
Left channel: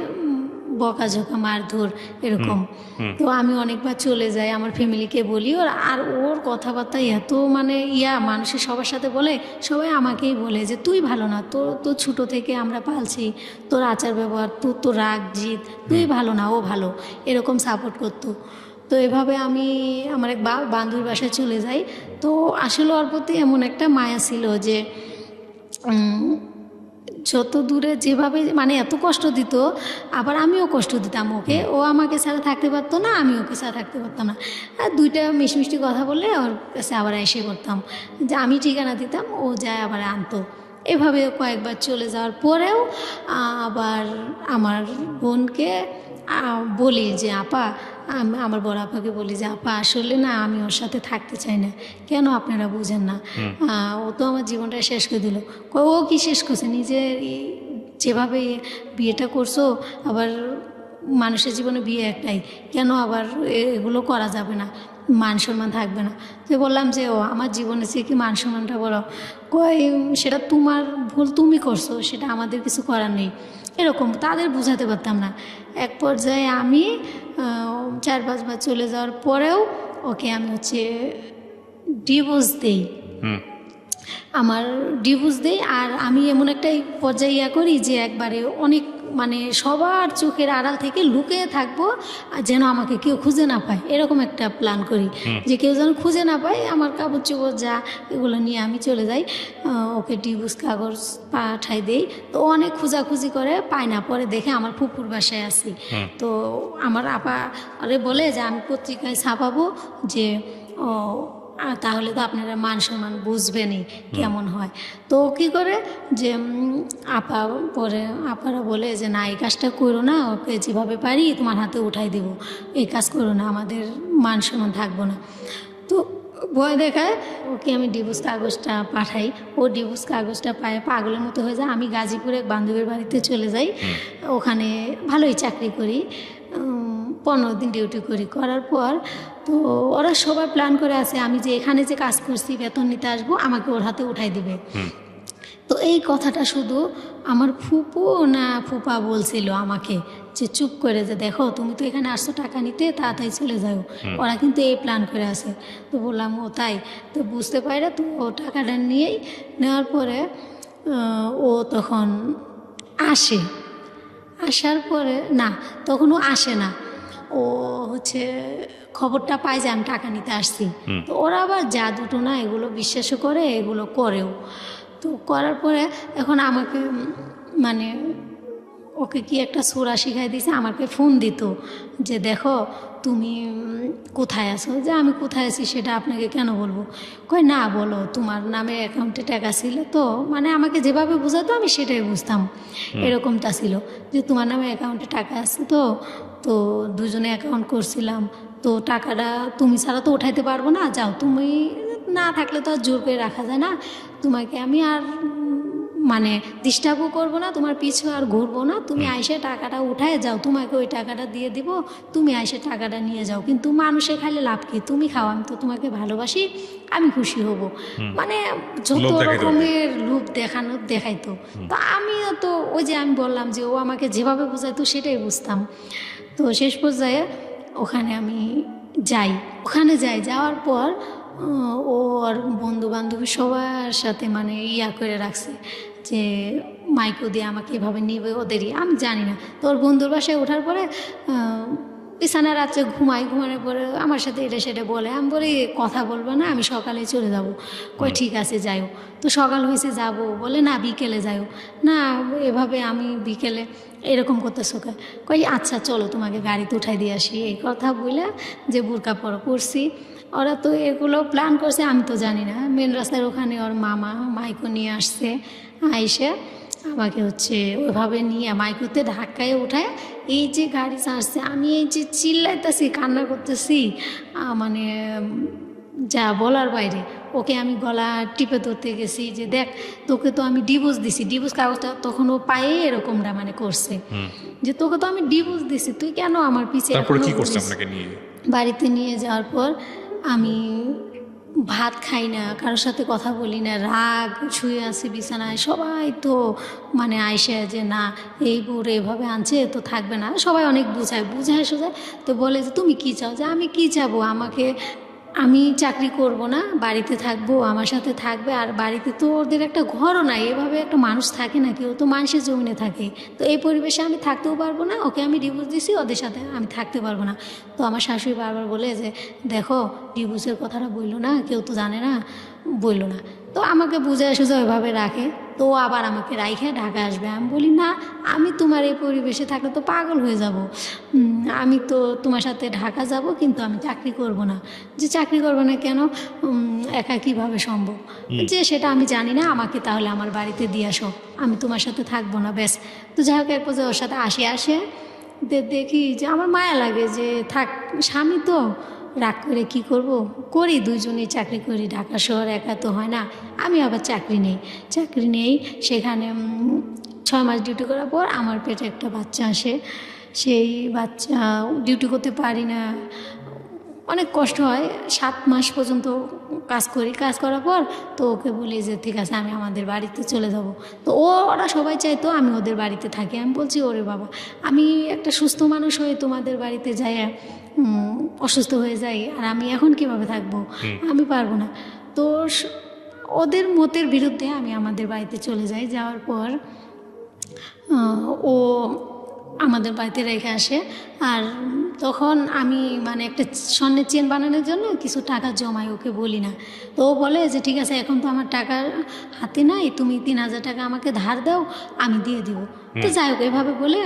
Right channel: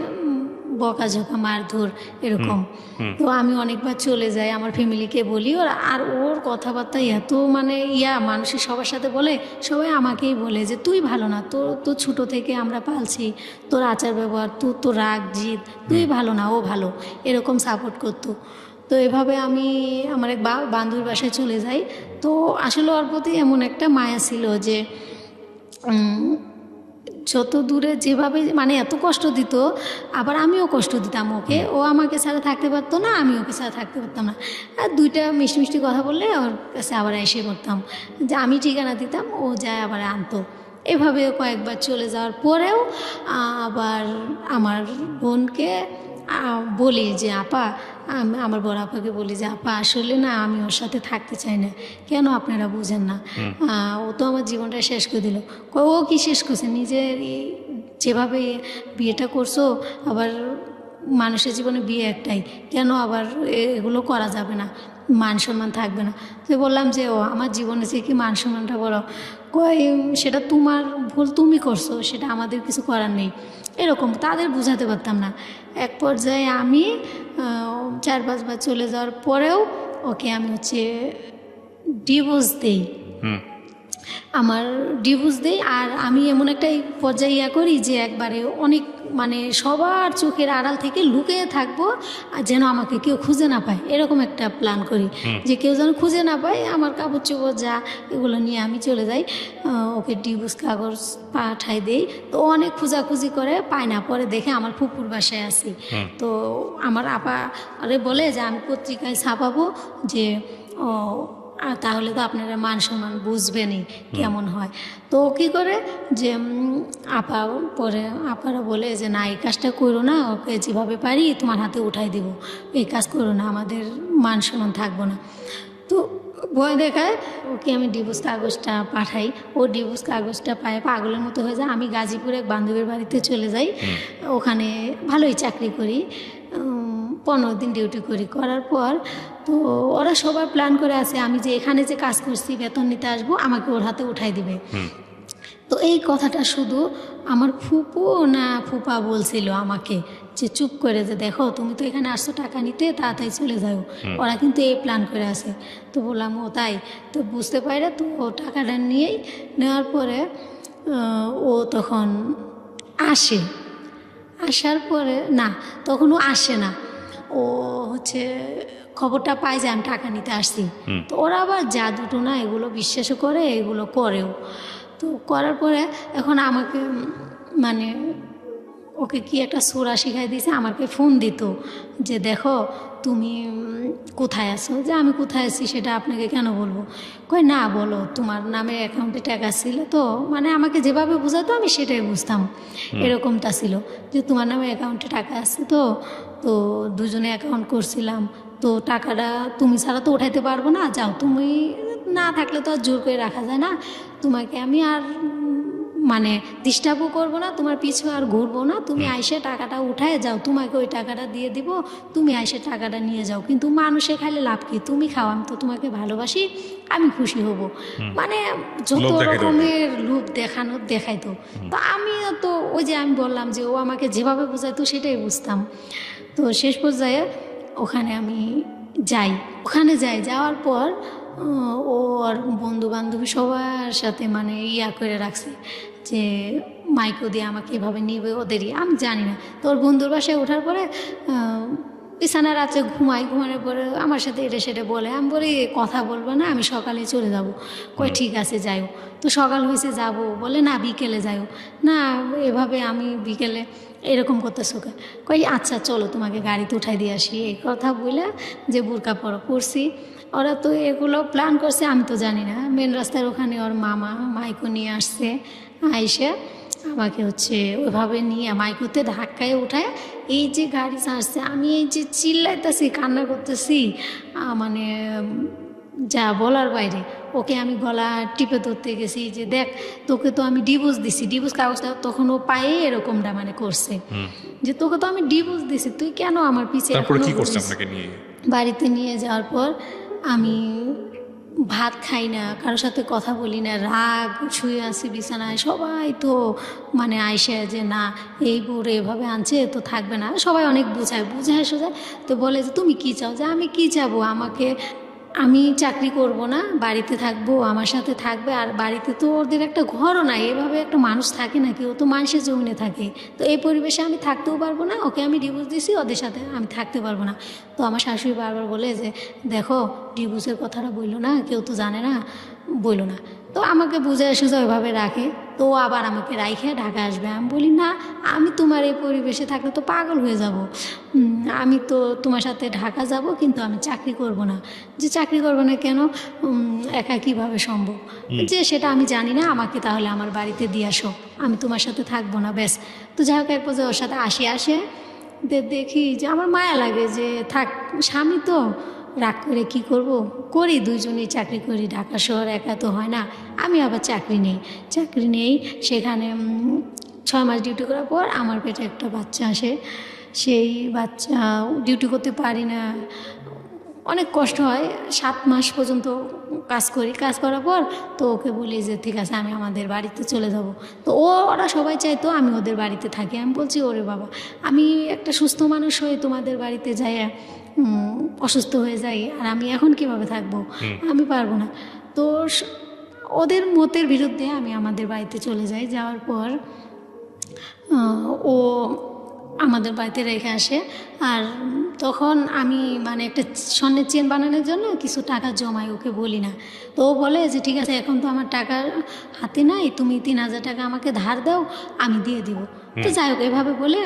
বকাঝকা মারধর এরকম। তো আমি অনেকবার চলে যাই, আমার ফ্যামিলিকে বলি, আর ওর কথাবার্তা এত মানে মানুষের সবার সাথে বলে, সবাই আমাকেই বলে যে তুই ভালো না, তো ছোটো থেকে আমরা পালছি, তোর আচার ব্যবহার, তো রাগ জিদ, তুই ভালো না, ও ভালো, এরকম সাপোর্ট করতো। তো এভাবে আমি আমার এক বান্ধবীর বাসায় চলে যাই। তো আসলে ওর প্রতি এমন একটা মায়া ছিল যে যত দূরে যেভাবে মানে এত কষ্ট দিত, আবার আমিও কষ্ট দিতাম ওকে। ও আমাকে ছাড়া থাকতে পারতো না, আমি ওকে ছাড়া থাকতে পারতাম না। আর দুইটা মিষ্টি মিষ্টি কথা বলে ওর কাছে আবার এসে করতাম যে আমি ঠিকানা দিতাম, ও যায় আবার আনতো। এভাবে কয়েকবার চলে যাওয়ার পরেও আবার আমার বোনকে বলি যে আপা, আমার বড় আপাকে বলি যে আপা আসলে না আমি ওর সাথে থাকতে চাই না, কেন আপনারা বুঝেন না, ও তো আমার জীবনটা শেষ করে দিল। ও কি শেষ করছে, নিজের যেভাবে বিয়েটা করছো, আবার মানুষের জীবনে বিয়ে একটাই, কেন আবার এগুলো করা যাবে না, মান সম্মান থাকবে না। তো বললাম যে ও আমার জীবনে যে কি মান সম্মানটা বড়, সেটা তোমার ভুল, তুমি করছো, সেটা আমাদের কিছু করার নেই, এরকম তাদের বোঝাতে পারতাম না। এক পর্যায়ে আমি 4-5 বার চলে যাওয়ার পরেও ওকে আমি ডিভোর্স দিই, আমার ডিভোর্স দিই। আর আমি এমন একটা পর্যায়ে করি যে একবারে অনেক মানে সবার চোখের আড়াল থেকে লুকিয়ে থাকবো, আর যেন আমাকে কেউ খুঁজে না পায়, এরকম একটা প্ল্যান করি যে কেউ যেন খুঁজে না পায়। আমার কাপড় চোপড় যা এগুলো নিয়ে আমি চলে যাই, ওকে ডিভোর্স কাগজ পাঠাই দিই। তো অনেক খোঁজাখুঁজি করে পায় না, পরে দেখে আমার ফুপুর বাসায় আসি। তো আমার আপা আরে বলে যে আমি পত্রিকায় ছাপাবো যে তাহলে তো আপনারা মান সম্মান বুঝবেনই কেমন হয়। তো কী করে যে আপারা বলে যে না এই কাজটা করো না, ওকে যেভাবে পারি তোমার হাতে উঠাই দেব, এই কাজ করো না, আমাদের মান সম্মান থাকবো না। তো ভয় দেখায় ওকে আমি ডিভোর্স কাগজটা পাঠাই, ও ডিভোর্স কাগজটা পায় পাগলের মতো হয়ে যায়। আমি গাজীপুরে এক বান্ধবীর বাড়িতে চলে যাই, ওখানে ভালোই চাকরি করি, 15 দিন ডিউটি করার পর তো ওরা সবাই প্ল্যান করে আছে আমি যে এখানে যে কাজ করছি বেতন নিতে আসবো, আমাকে ওর হাতে উঠাই দিবে। তো এই কথাটা শুধু আমার ফুপু না ফুপা বলছিল আমাকে যে চুপ করে যে দেখো তুমি তো এখানে আসছো টাকা নিতে, তাড়াতাড়ি চলে যাও, ওরা কিন্তু এই প্ল্যান করে আছে। তো বললাম ও তাই, তো বুঝতে পারি না। তো ও টাকাটা নেওয়ার পরে ও তখন আসার পরে না, তখন ও আসে না, ও খবরটা পায় যে আমি টাকা নিতে আসছি। তো ওরা আবার জাদুটো না এগুলো বিশ্বাসও করে, এগুলো করেও। তো করার পরে এখন আমাকে মানে ওকে কি একটা সোরা শিখাই দিয়েছে, আমাকে ফোন দিত যে দেখো তুমি কোথায় আছো, যে আমি কোথায় আছি সেটা আপনাকে কেন বলবো, কই না বলো তোমার নামে অ্যাকাউন্টে টাকা ছিল, তো মানে আমাকে যেভাবে বোঝাতো আমি সেটাই বুঝতাম, এরকমটা ছিল যে তোমার নামে অ্যাকাউন্টে টাকা আছে, তো দুজনে অ্যাকাউন্ট করছিলাম, তো টাকাটা তুমি ছাড়া তো উঠাইতে পারবো না, যাও তুমি না থাকলে তো আর জোর করে রাখা যায় না, তোমাকে আমি আর মানে ডিস্টার্বও করবো না, তোমার পিছু আর ঘুরবো না, তুমি আইসে টাকাটা উঠায় যাও, তোমাকে ওই টাকাটা দিয়ে দেবো, তুমি আইসে টাকাটা নিয়ে যাও, কিন্তু মানুষের খালি লাভ কি, তুমি খাও, আমি তো তোমাকে ভালোবাসি, আমি খুশি হব, মানে যত রকমের লোভ দেখাইতো। তো আমিও তো ওই যে আমি বললাম যে ও আমাকে যেভাবে বোঝাইতো সেটাই বুঝতাম। তো শেষ পর্যায়ে ওখানে যাওয়ার পর ওর বন্ধু বান্ধবী সবার সাথে মানে করে রাখছে যে মাইকো দিয়ে আমাকে এভাবে নিবে, ওদেরই আমি জানি না। তো ওর বন্ধুর বাসায় ওঠার পরে বিছানা রাত্রে ঘুমানোর পরে আমার সাথে এটা সেটা বলে, আমি বলি কথা বলবে না, আমি সকালে চলে যাব, কই ঠিক আছে যাইও। তো সকাল হয়েছে যাব, বলে না বিকেলে যাইও, না এভাবে আমি বিকেলে এরকম করতেছো কই আচ্ছা চলো তোমাকে গাড়িতে উঠাই দিয়ে আসি, এই কথা বলে যে বোরকা পরছি। ওরা তো এগুলো প্ল্যান করছে, আমি তো জানি না। মেন রাস্তার ওখানে ওর মাইকো নিয়ে আসছে, আইসা আমাকে ওইভাবে নিয়ে মাইকোতে ধাক্কায় উঠায় এই যে গাড়ি চালাচ্ছে, আমি এই যে চিল্লাইতেছি কান্না করতেছি, মানে যা বলার বাইরে। ওকে আমি গলা টিপে ধরতে গেছি যে দেখ তোকে তো আমি ডিভোর্স দিছি, ডিভোর্স কাগজটা তখন ও পায়ে এরকমটা মানে করছে যে তোকে তো আমি ডিভোর্স দিছি, তুই কেন আমার পিছিয়ে। তারপরে কি করছে আপনাকে নিয়ে? বাড়িতে নিয়ে যাওয়ার পর আমি ভাত খাই না, কারোর সাথে কথা বলি না, রাগ, শুয়ে আছি বিছানায়। সবাই তো মানে আইসে যে না এই বউরে এভাবে আনছে তো থাকবে না, সবাই অনেক বুঝায় সোজা। তো বলে যে তুমি কী চাও? যে আমি কী চাবো, আমি চাকরি করব না, বাড়িতে থাকবো, আমার সাথে থাকবে। আর বাড়িতে তো ওদের একটা ঘরও নাই, এভাবে একটা মানুষ থাকে নাকি? ও তো মানুষের জমিনে থাকে। তো এই পরিবেশে আমি থাকতেও পারবো না, ওকে আমি ডিভোর্স দিছি, ওদের সাথে আমি থাকতে পারবো না। তো আমার শাশুড়ি বারবার বলে যে দেখো ডিভোর্সের কথাটা বললো না, কেউ তো জানে না, বললো না। তো আমাকে বুঝে এসে ওইভাবে রাখে। তো ও আবার আমাকে রাইখে ঢাকায় আসবে। আমি বলি না, আমি তোমার এই পরিবেশে থাকলে তো পাগল হয়ে যাব। আমি তো তোমার সাথে ঢাকা যাব, কিন্তু আমি চাকরি করব না। যে চাকরি করবো না কেন? একা কীভাবে সম্ভব? যে সেটা আমি জানি না, আমাকে তাহলে আমার বাড়িতে দিয়ে আসো, আমি তোমার সাথে থাকবো না, ব্যাস। তো যাই হোক, এরপর যে ওর সাথে আসে দেখি যে আমার মায়া লাগে যে থাক, স্বামী তো, রাগ করে কী করব? করি, দুজনেই চাকরি করি, ঢাকা শহর একা তো হয় না। আমি আবার চাকরি নেই সেখানে 6 মাস ডিউটি করার পর আমার পেটে একটা বাচ্চা আসে। সেই বাচ্চা ডিউটি করতে পারি না, অনেক কষ্ট হয়। 7 মাস পর্যন্ত কাজ করার পর তো ওকে বলি যে ঠিক আছে আমি আমাদের বাড়িতে চলে যাব। তো ওরা সবাই চাইতো আমি ওদের বাড়িতে থাকি। আমি বলছি ওরে বাবা, আমি একটা সুস্থ মানুষ হয়ে তোমাদের বাড়িতে যাই অসুস্থ হয়ে যাই, আর আমি এখন কিভাবে থাকবো? আমি পারবো না। তো ওদের মতের বিরুদ্ধে আমি আমাদের বাড়িতে চলে যাই। যাওয়ার পর ও আমাদের বাড়িতে রেখে আসে। আর তখন আমি মানে একটা স্বর্ণের চেন বানানোর জন্য কিছু টাকা জমাই, ওকে বলি না। তো ও বলে যে ঠিক আছে এখন তো আমার টাকার হাতে নাই, তুমি 3,000 টাকা আমাকে ধার দাও, আমি দিয়ে দিব। তো যাই হোক, এইভাবে বলে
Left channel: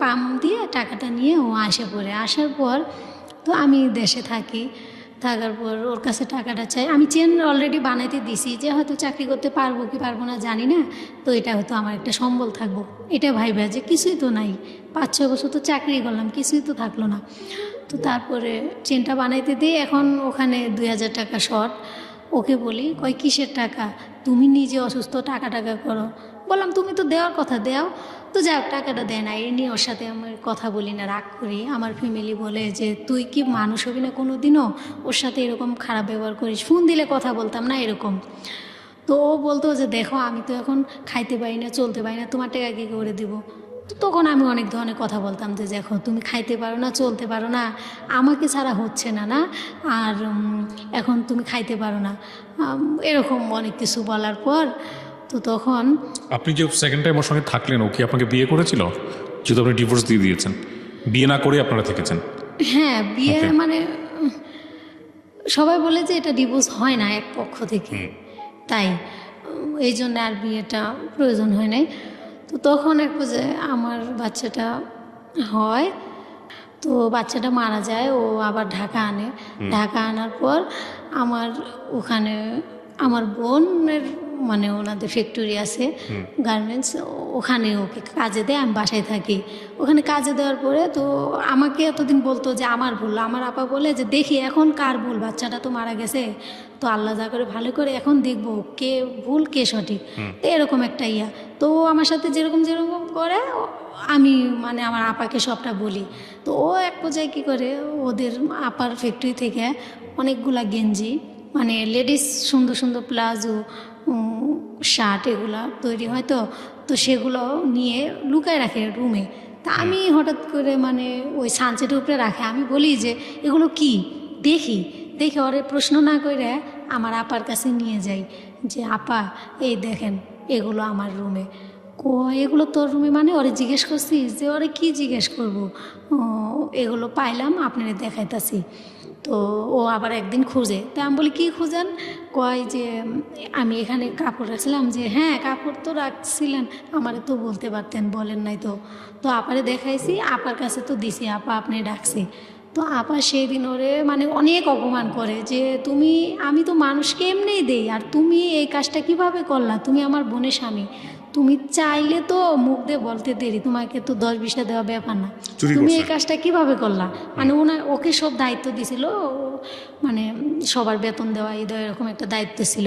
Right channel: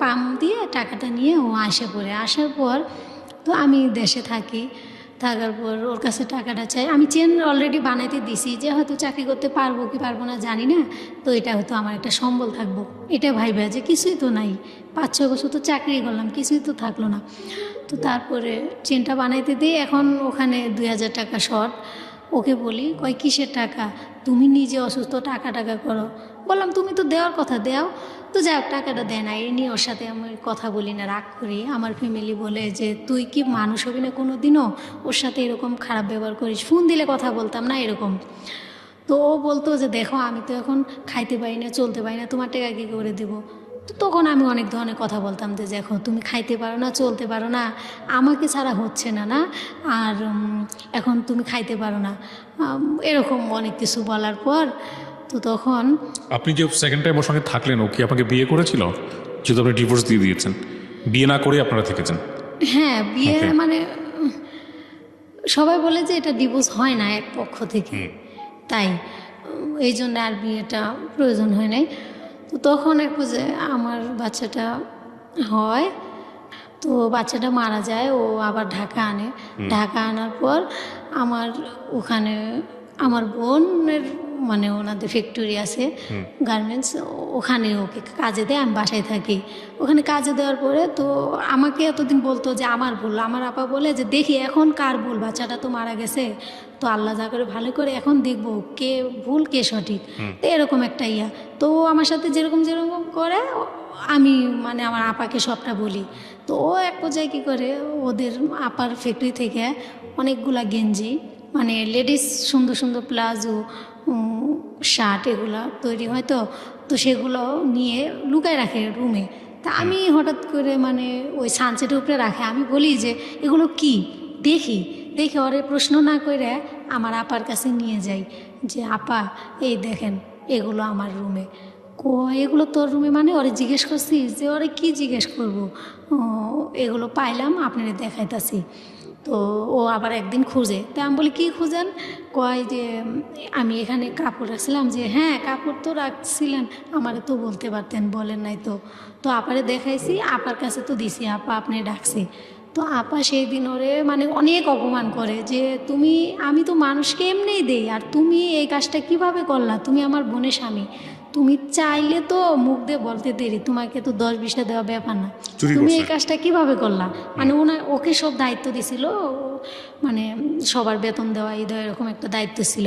পাম দিয়ে টাকাটা নিয়ে ও আসার পর তো আমি দেশে থাকার পর ওর কাছে টাকাটা চাই। আমি চেন অলরেডি বানাইতে দিছি, যে হয়তো চাকরি করতে পারবো কি পারবো না জানি না, তো এটা হয়তো আমার একটা সম্বল থাকবো, এটা ভাইবা যে কিছুই তো নাই, 5-6 বছর তো চাকরি করলাম, কিছুই তো থাকলো না। তো তারপরে চেনটা বানাইতে দিই, এখন ওখানে 2,000 টাকা শর্ট। ওকে বলি, কয় কিসের টাকা? তুমি নিজে অসুস্থ, টাকা করো। বললাম তুমি তো দেওয়ার কথা দেও। তো যাই হোক, টাকাটা দেয় না, এটা নিয়ে ওর সাথে আমি কথা বলি না, রাগ করি। আমার ফ্যামিলি বলে যে তুই কি মানুষ হবি না কোনো দিনও, ওর সাথে এরকম খারাপ ব্যবহার করিস। ফোন দিলে কথা বলতাম না এরকম। তো ও বলতো যে দেখো আমি তো এখন খাইতে পারি না, চলতে পারি না, তোমার টাকা কি করে দেবো? তো তখন আমি অনেক ধরনের কথা বলতাম যে দেখো তুমি খাইতে পারো না, চলতে পারো না, আমাকে ছাড়া হচ্ছে না না, আর এখন তুমি খাইতে পারো না, এরকম অনেক কিছু বলার পর তো তখন আপনি যে সেকেন্ড টাইম ওর সঙ্গে থাকলেন, ও কি আপনাকে বিয়ে করেছিল? যেহেতু আপনি ডিভোর্স দিয়ে দিয়েছেন, বিয়ে না করে আপনারা থেকেছেন। হ্যাঁ, বিয়ে Okay. মানে সবাই বলে যে এটা ডিভোর্স হয় না এক পক্ষ থেকে, তাই এই জন্য আর বিয়েটা প্রয়োজন হয় নাই। তো তখন একটু যে আমার বাচ্চাটা হয়, তো বাচ্চাটা মারা যায়, ও আবার ঢাকা আনার পর আমার ওখানে আমার বোনের মানে ওনাদের ফ্যাক্টরি আছে গার্মেন্টস, ওখানে ওকে কাজে দেয়, আমি বাসায় থাকি। ওখানে কাজে দেওয়ার পরে তো আমাকে এতদিন বলতো যে আমার ভুল। আমার আপা বলে যে দেখি এখন কার ভুল, বাচ্চাটা তো মারা গেছে, তো আল্লাহ যা করে ভালো করে এখন দেখবো কে ভুল কে সঠিক। তো এরকম একটা তো আমার সাথে যেরকম করে আমি মানে আমার আপাকে সবটা বলি। তো ও এক পর্যায়ে কী করে, ওদের আপার ফ্যাক্টরি থেকে অনেকগুলা গেঞ্জি মানে লেডিস সুন্দর সুন্দর প্লাজো শার্ট এগুলো তৈরি হয়, তো সেগুলো নিয়ে লুকায় রাখে রুমে। তা আমি হঠাৎ করে মানে ওই সানসেট উপরে রাখে, আমি বলি যে এগুলো কি, দেখি ওরে প্রশ্ন না করে আমার আপার কাছে নিয়ে যাই যে আপা এই দেখেন এগুলো আমার রুমে। এগুলো তোর রুমে মানে? ওরে জিজ্ঞেস করছিস? যে ওরে কি জিজ্ঞেস করবো, এগুলো পাইলাম আপনারে দেখাইতাছি। তো ও আবার একদিন খুঁজে, তো আমি বলি কি খুঁজেন? কয় যে আমি এখানে কাপড় রাখছিলাম। যে হ্যাঁ কাপড় তো রাখছিলেন, আমারে তো বলতে পারতেন, বলেন নাই তো। তো আপারে দেখাইছি, আপার কাছে তো দিছি, আপা আপনি ডাকছে। তো আপা সেই দিন ওরে মানে অনেক অপমান করে যে আমি তো মানুষকে এমনি দেই, আর তুমি এই কাজটা কিভাবে করলা? তুমি আমার বোনের স্বামী, তুমি চাইলে তো মুখ দিয়ে বলতে দেরি, তোমাকে তো 10-20টা দেওয়া ব্যাপার না, তুমি এই কাজটা কিভাবে করলা? মানে ওকে সব দায়িত্ব দিছিল, মানে সবার বেতন দেওয়া এই দেওয়া এরকম একটা দায়িত্ব ছিল।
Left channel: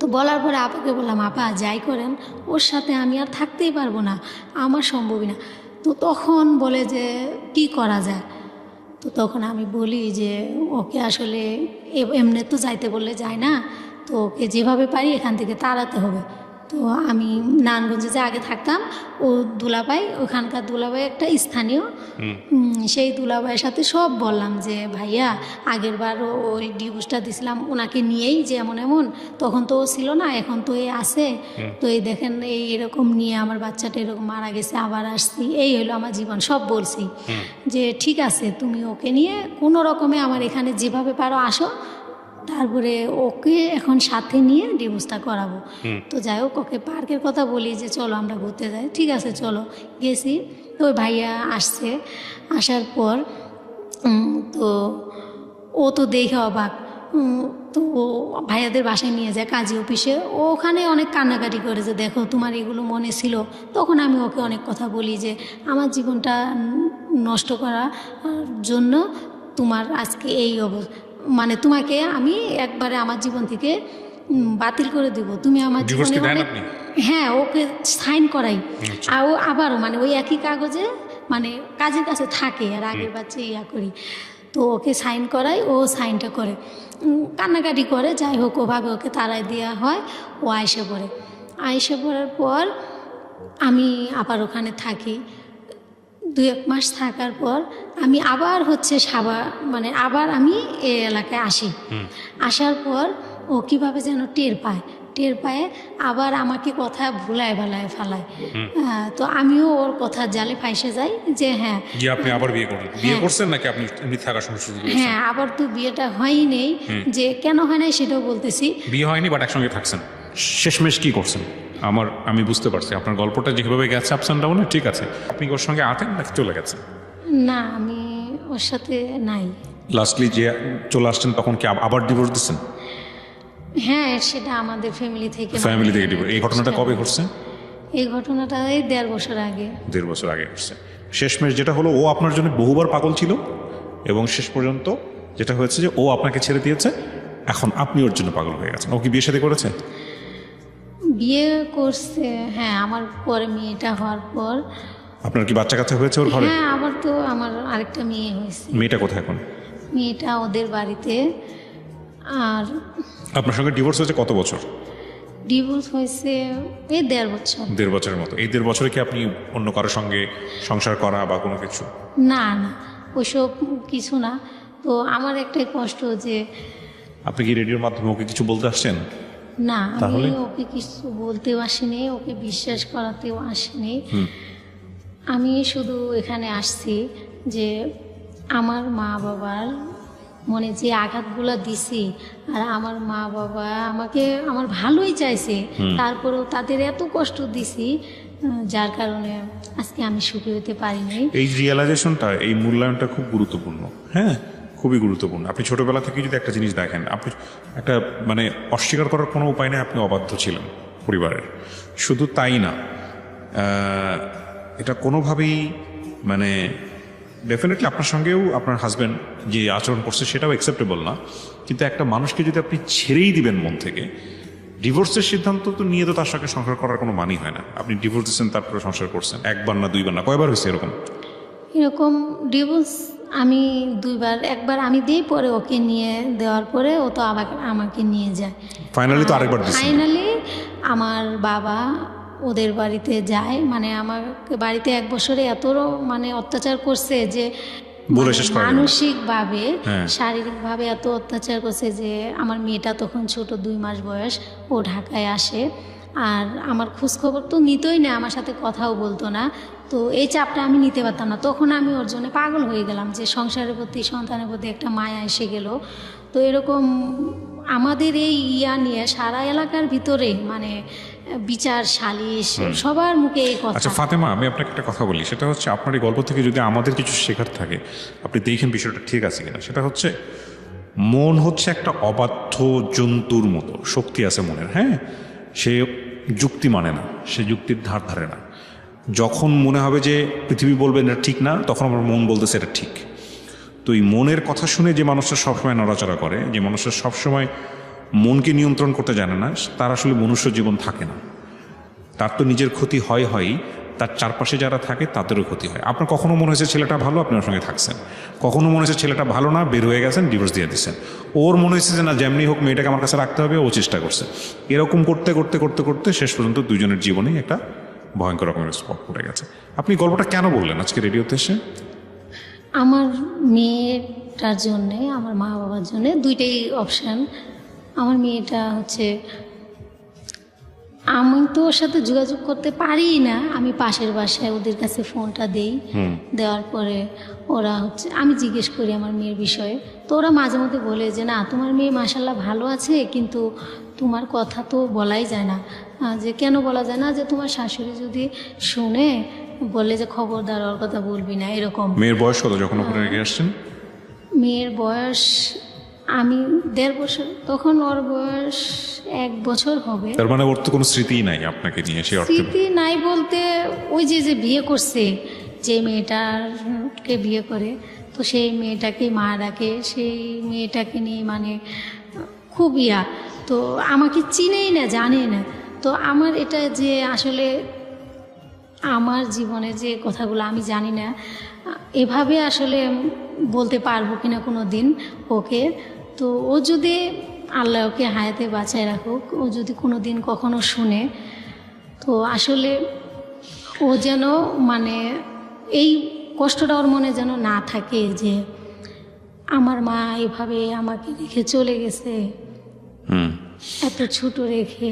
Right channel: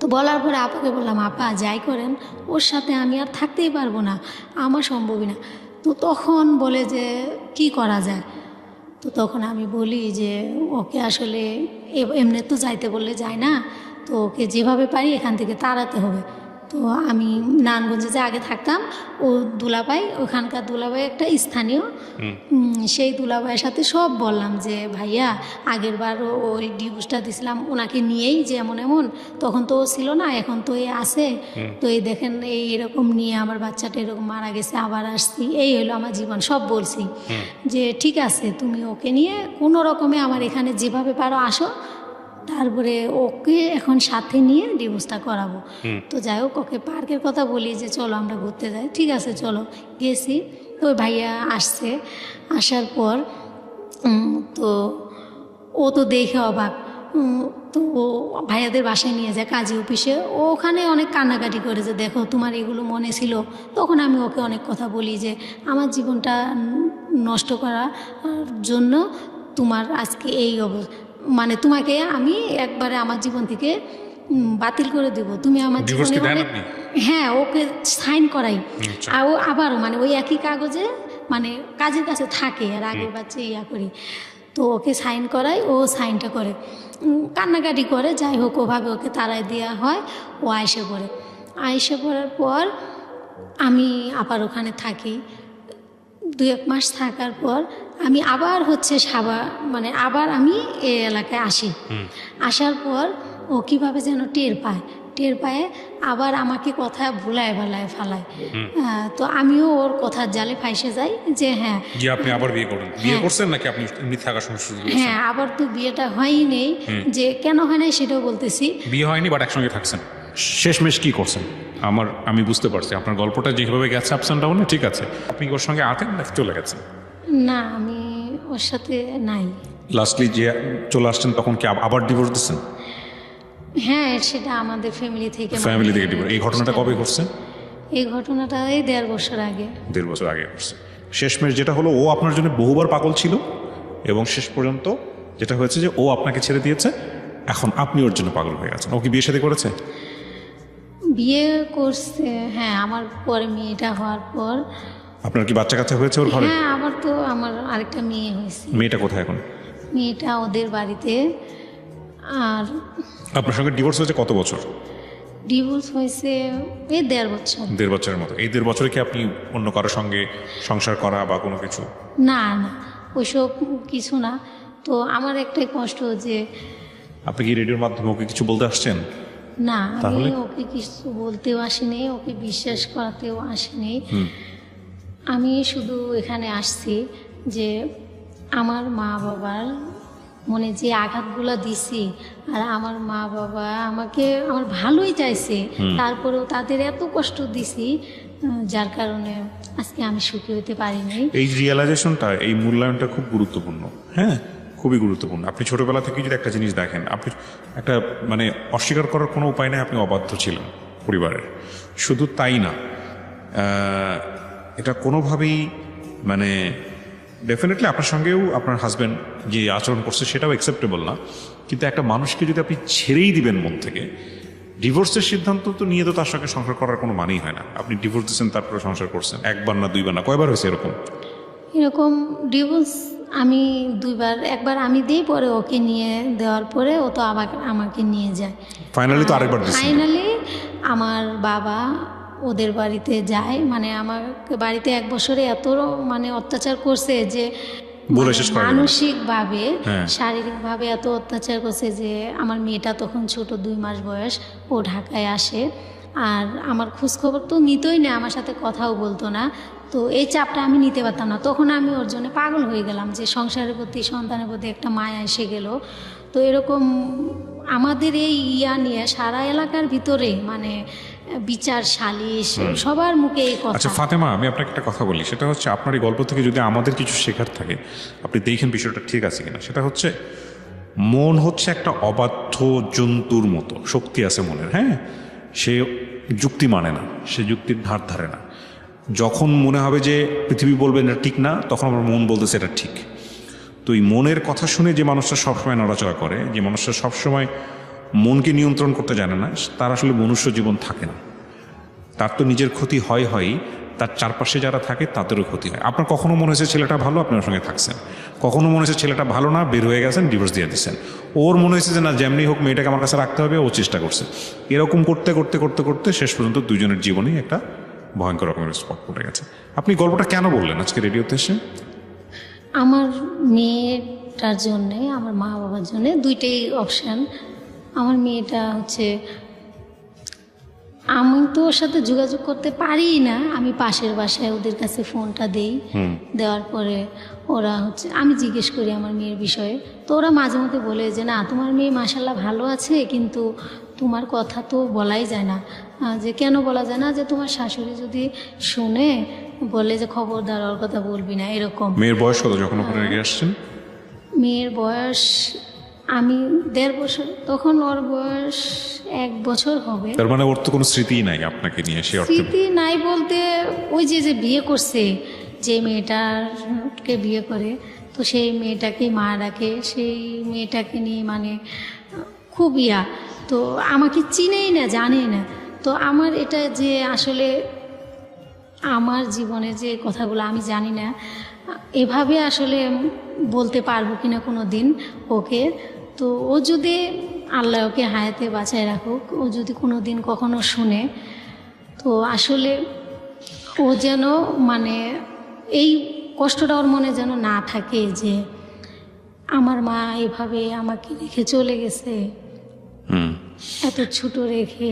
তো বলার পরে আপুকে বললাম আপা যাই করেন ওর সাথে আমি আর থাকতেই পারবো না, আমার সম্ভবই না। তো তখন বলে যে কি করা যায়? তো তো তখন আমি বলি যে ওকে আসলে এমনি তো যাইতে বললে যায় না, তো ওকে যেভাবে পারি এখান থেকে তাড়াতে হবে। তো আমি নারায়ণগঞ্জে যে আগে থাকতাম, ও দুলাভাই, ওখানকার দুলাভাই একটা স্থানীয়, সেই দুলাভাইয়ের সাথে সব বললাম যে ভাইয়া আগের বারও ওই ডিভোর্সটা দিয়েছিলাম ওনাকে নিয়েই, যে এমন এমন, তখন তো ও ছিল না, এখন তো এ আছে, তো এই দেখেন এরকম নিয়ে আমার বাচ্চাটা এরকম মারা গেছে, আবার আসছি, এই হলো আমার জীবন, সব বলছি যে ঠিক আছে তুমি ওকে নিয়ে কোনো রকমে আমার এখানে যেভাবে পারো আসো, তারপরে ওকে এখন সাথে নিয়ে ডিভোর্সটা করাবো। তো যাই হোক, ওকে পার্কের কথা বলি যে চলো আমরা ঘুরতে যাই, ঠিক আছে চলো, গেছি। তো ওই ভাইয়া আসছে, আসার পর তো ও তো দেখে অবাক, তো ও ভাইয়াদের বাসায় নিয়ে যায় কাজী অফিসে, ও ওখানে অনেক কান্নাকাটি করে যে দেখো তোমার এগুলো মনে ছিল। তখন আমি ওকে অনেক কথা বলি যে আমার জীবনটা নষ্ট করার জন্য তোমার আজকে এই অবস্থা, মানে তোমাকে আমি একবারে আমার জীবন থেকে বাতিল করে দেবো, তুমি আমার জীবনে হ্যাঁ ওকে সাইন করাই, আর ও আবার মানে ওই একই কাগজে মানে কাজের কাছে থাকে, আর আগের বাচ্চা ইয়া করি, তো ওকে সাইন করাই, ও সাইনটা করে, কান্নাকাটি করে, যাই হোক ওভাবে ওকে তাড়াই দেওয়া হয়। ও আয়সা পড়ে, আয়সা পড়ার পর আমি আবার ওখানে থাকি, 2-1 মাস থাকার পর আমি আবার হচ্ছে মানে আবার আমি এই এলাকায় আসি। আসার পর ও কীভাবে যেন টের পায়, আবার আমাকে কথা ভুলায় বেলায় ফেলায়। তো আমিও ওর কথার জালে ফাইসে যাই যে হ্যাঁ যে আপনি আবার বিয়ে করলেন, বিয়ে করছেন নাকি আপনি মিথ্যা আকাশ শুরু করেছেন? হ্যাঁ, আবার তো বিয়েটা হয়নি, যে কেন হয় নাই সেটাও বলতেছি। বিয়ে হয়নি বাট একসঙ্গে থাকছেন, শেষমেশ কি করছেন? আমি বুঝতে পারছি আপনার গল্পটা যেভাবে গেছে আপস অ্যান্ড ডাউনে, ঠিক আছে। আপনি ওর সঙ্গে আতেন নাকি চলে গেছেন? না, আমি ওর সাথে নাই। লাস্টলি যে চলে আসছেন তখন কি আবার ডিভোর্স দিচ্ছেন? হ্যাঁ, সেটা আমাদের ফ্যামিলি থেকে ডিভোর্স। এই ঘটনাটা কবে ঘটছে? এই ঘটনাটা এই 1.5 বছর আগে। 1.5 বছর আগে ঘটছে। শেষমেশ যেটা হলো, ও আপনার জন্য বহুবার পাগল ছিল এবং শেষ পর্যন্ত যেটা হয়েছে যে ও আপনাকে ছেড়ে দিয়েছে, এখন আপনি ওর জন্য পাগল হয়ে গেছেন। ও কি বিয়ে শাদী করেছেন? বিয়ে করছে, হ্যাঁ, আমার পরে মেয়েটা হওয়ার পর। আপনার কি বাচ্চা কাচ্চা হয়েছে ওর ঘরে? হ্যাঁ, আবার তো আমার আরেকটা মেয়ে হয়েছে। মেয়েটা কোথায় এখন? মেয়েটা ওদের বাড়িতে। আর আপনার সঙ্গে ডিভোর্স হয়েছে কত বছর? ডিভোর্স হয়েছে এই 1.5 বছর। 1.5 বছরের মতো। এই 1.5 বছরে কি আপনি অন্য কারোর সঙ্গে সংসার করা বা কোনো কিছু? না, ওইসব কিছু না। তো আমার একটাই কষ্ট যে আপনি কি রেডিওর মাধ্যমে ওকে কিছু বলতে আসছেন? না, আমি ওকে কিছু বলতেও আসিনি, ওকে বিশ্বাস করাতেও আসিনি। আমি শুধু এখানে আসছি যে আমার মা বাবার মনে যে আঘাতগুলো দিছে, আর আমার মা বাবা আমাকে আমার ভালোই চাইছে, তারপরেও তাদের এত কষ্ট দিছি, যার কারণে আজকে আমি সুখী হতে পারিনি। এই রিয়েলাইজেশনটা, এই মূল্যায়নটা খুব গুরুত্বপূর্ণ। হ্যাঁ, খুবই গুরুত্বপূর্ণ। আপনি ছোটবেলা থেকে যদি একটা জিনিস দেখেন, আপনি একটা মানে অস্বীকার করার কোনো উপায় নেই, আপনি অবাধ্য ছিলেন পরিবারের। শুধু তাই না, এটা কোনোভাবেই মানে ডেফিনেটলি আপনার সঙ্গেও আপনার হাজব্যান্ড যে আচরণ করছে সেটাও অ্যাকসেপ্টেবল না। কিন্তু একটা মানুষকে যদি আপনি ছেড়েই দিবেন মন থেকে, ডিভোর্সের সিদ্ধান্ত তো নিয়ে তো তার সঙ্গে সংসার করার কোনো মানেই হয় না। আপনি ডিভোর্স দিচ্ছেন, তারপরে সংসার করছেন, 1বার না 2বার না, কয়বার হয়েছে এরকম ডিভোর্স? আমি 2বার। একবার আমি দিই, পরে ওকে নিয়ে দেওয়ার পরে ও তো আবার আমাকে নিয়ে যায়। ফাইনালি তো আরেকবার দিচ্ছেন। ফাইনালি আমার বাবা ওদের বাড়িতে যায়, মানে আমার বাড়িতে 1 বছরে এত মানে অত্যাচার করছে যে মানসিকভাবে শারীরিকভাবে এত অত্যাচার করছে যে আমার মেয়েটা তখন ছোট 2 মাস বয়স, ও ঢাকায় আসে, আর আমার খোঁজখবর তো নিতই না, আমার সাথে কথাও বলতো না। তো এই চাপটা আমি নিতে পারতাম না, তখন আমি ওর জন্য পাগল হয়ে গেলাম যে সংসারের প্রতি, সন্তানের প্রতি একটা মায়া এসে গেল। তো এরকম আমাদের এই নিয়ে সারা এলাকার ভিতরে মানে বিচার, সালিশ, সবার মুখে এই কথা। আচ্ছা ফাতেমা, আমি আপনাকে একটা কথা বলি, সেটা হচ্ছে আপনার এই গল্প থেকে যদি আমাদের কিছু শেখার থাকে, আপনি দেখেন বিষয়টা ঠিক আছে কিনা। সেটা হচ্ছে মন হচ্ছে একটা অবাধ্য জন্তুর মতো, শক্তি আছে মনের। হ্যাঁ, সে যুক্তি মানে না, সে যুক্তির ধার ধারে না। যখন মনে হবে যে পৃথিবী বলবে না ঠিক না, তখন আমার মন বলতেছে এটা ঠিক। তো এই মনের কথা শুনে যে মানুষটা সবসময় নড়াচড়া করে, যে মানুষটা সবসময় মনকে নিয়ন্ত্রণ করতে জানে না, তার আসলে মনুষ্য জীবন থাকে না। তার তো নিজের ক্ষতি হয়, তার চারপাশে যারা থাকে তাদেরও ক্ষতি হয়। আপনার কখনো মনে হয়েছে ছেলেটা ভালো, আপনি ওর সঙ্গে থাকছেন, কখনো মনে হয়েছে ছেলেটা ভালো না, বের হয়ে গেছেন, ডিভোর্স দিয়ে দিচ্ছেন। ওর মনে হয়েছে যে না, যেমনি হোক মেয়েটাকে আমার কাছে রাখতে হবে, ও চেষ্টা করছে। এরকম করতে করতে করতে করতে শেষ পর্যন্ত দুজনের জীবনেই একটা ভয়ঙ্কর রকমের স্পট পড়ে গেছে। আপনি গল্পটা কেন বললেন আজকে রেডিওতে এসে? আমার মেয়েটার জন্যে, আমার মা বাবার জন্যে দুইটাই অপশান। আমার মেয়েটা হচ্ছে, আমি তো ওর সাথে যোগাযোগ করতে পারি না, আমি পাশের বাসায় ওদের কাছে ফোনটা দিই, দেওয়ার পরে ওরা হচ্ছে, আমি জিজ্ঞেস করি আমার মেয়ের বিষয়ে, তো ওরা মাঝে মধ্যে বলে যে না তোমার মেয়ে মাশাআল্লাহ ভালো আছে, কিন্তু তোমার কথা তো বলাই যায় না। যে কেন বলা যায় না, যে তোমার শাশুড়ি যদি শুনে বলে যে খবরদার ওর কথা বলবি না, এরকম। মেয়ের বয়স কত যখন ওখানে নিয়ে আসছেন? মেয়ের বয়স, আমি 1.5 বছর, তখন ওর বয়স 1 বছর হবে। তার মানে ওর তো কোনো স্মৃতিই নাই আপনাকে নিয়ে, সে অর্থে। স্মৃতি নাই বলতে, ওই যে যে বিয়ে করছে, যে মেয়েটাকে বিয়ে করে, তো সেই মেয়েটাকে মা ডাকে, সেই মেয়েটাকে নিয়ে মানে খুব তো আমাকে চিনেই না, জানেই না। তো আমার এটা যে আসলে আমার জীবনে যে কথাগুলো আমি জানি না, এভাবে আসলে বলতে পারবো কিনা কোনো দিন ওকে। তো ও যদি, আল্লাহ ওকে হায়াতে বাঁচায় রাখুক, ও যদি কোনো দিন কখনো শুনে, তো আসলে ও যেন মানে এই কষ্টটা ওর মনে যেন না থাকে যে আমার মা এভাবে আমাকে রেখে চলে গেছে, এত ছোট রেখে।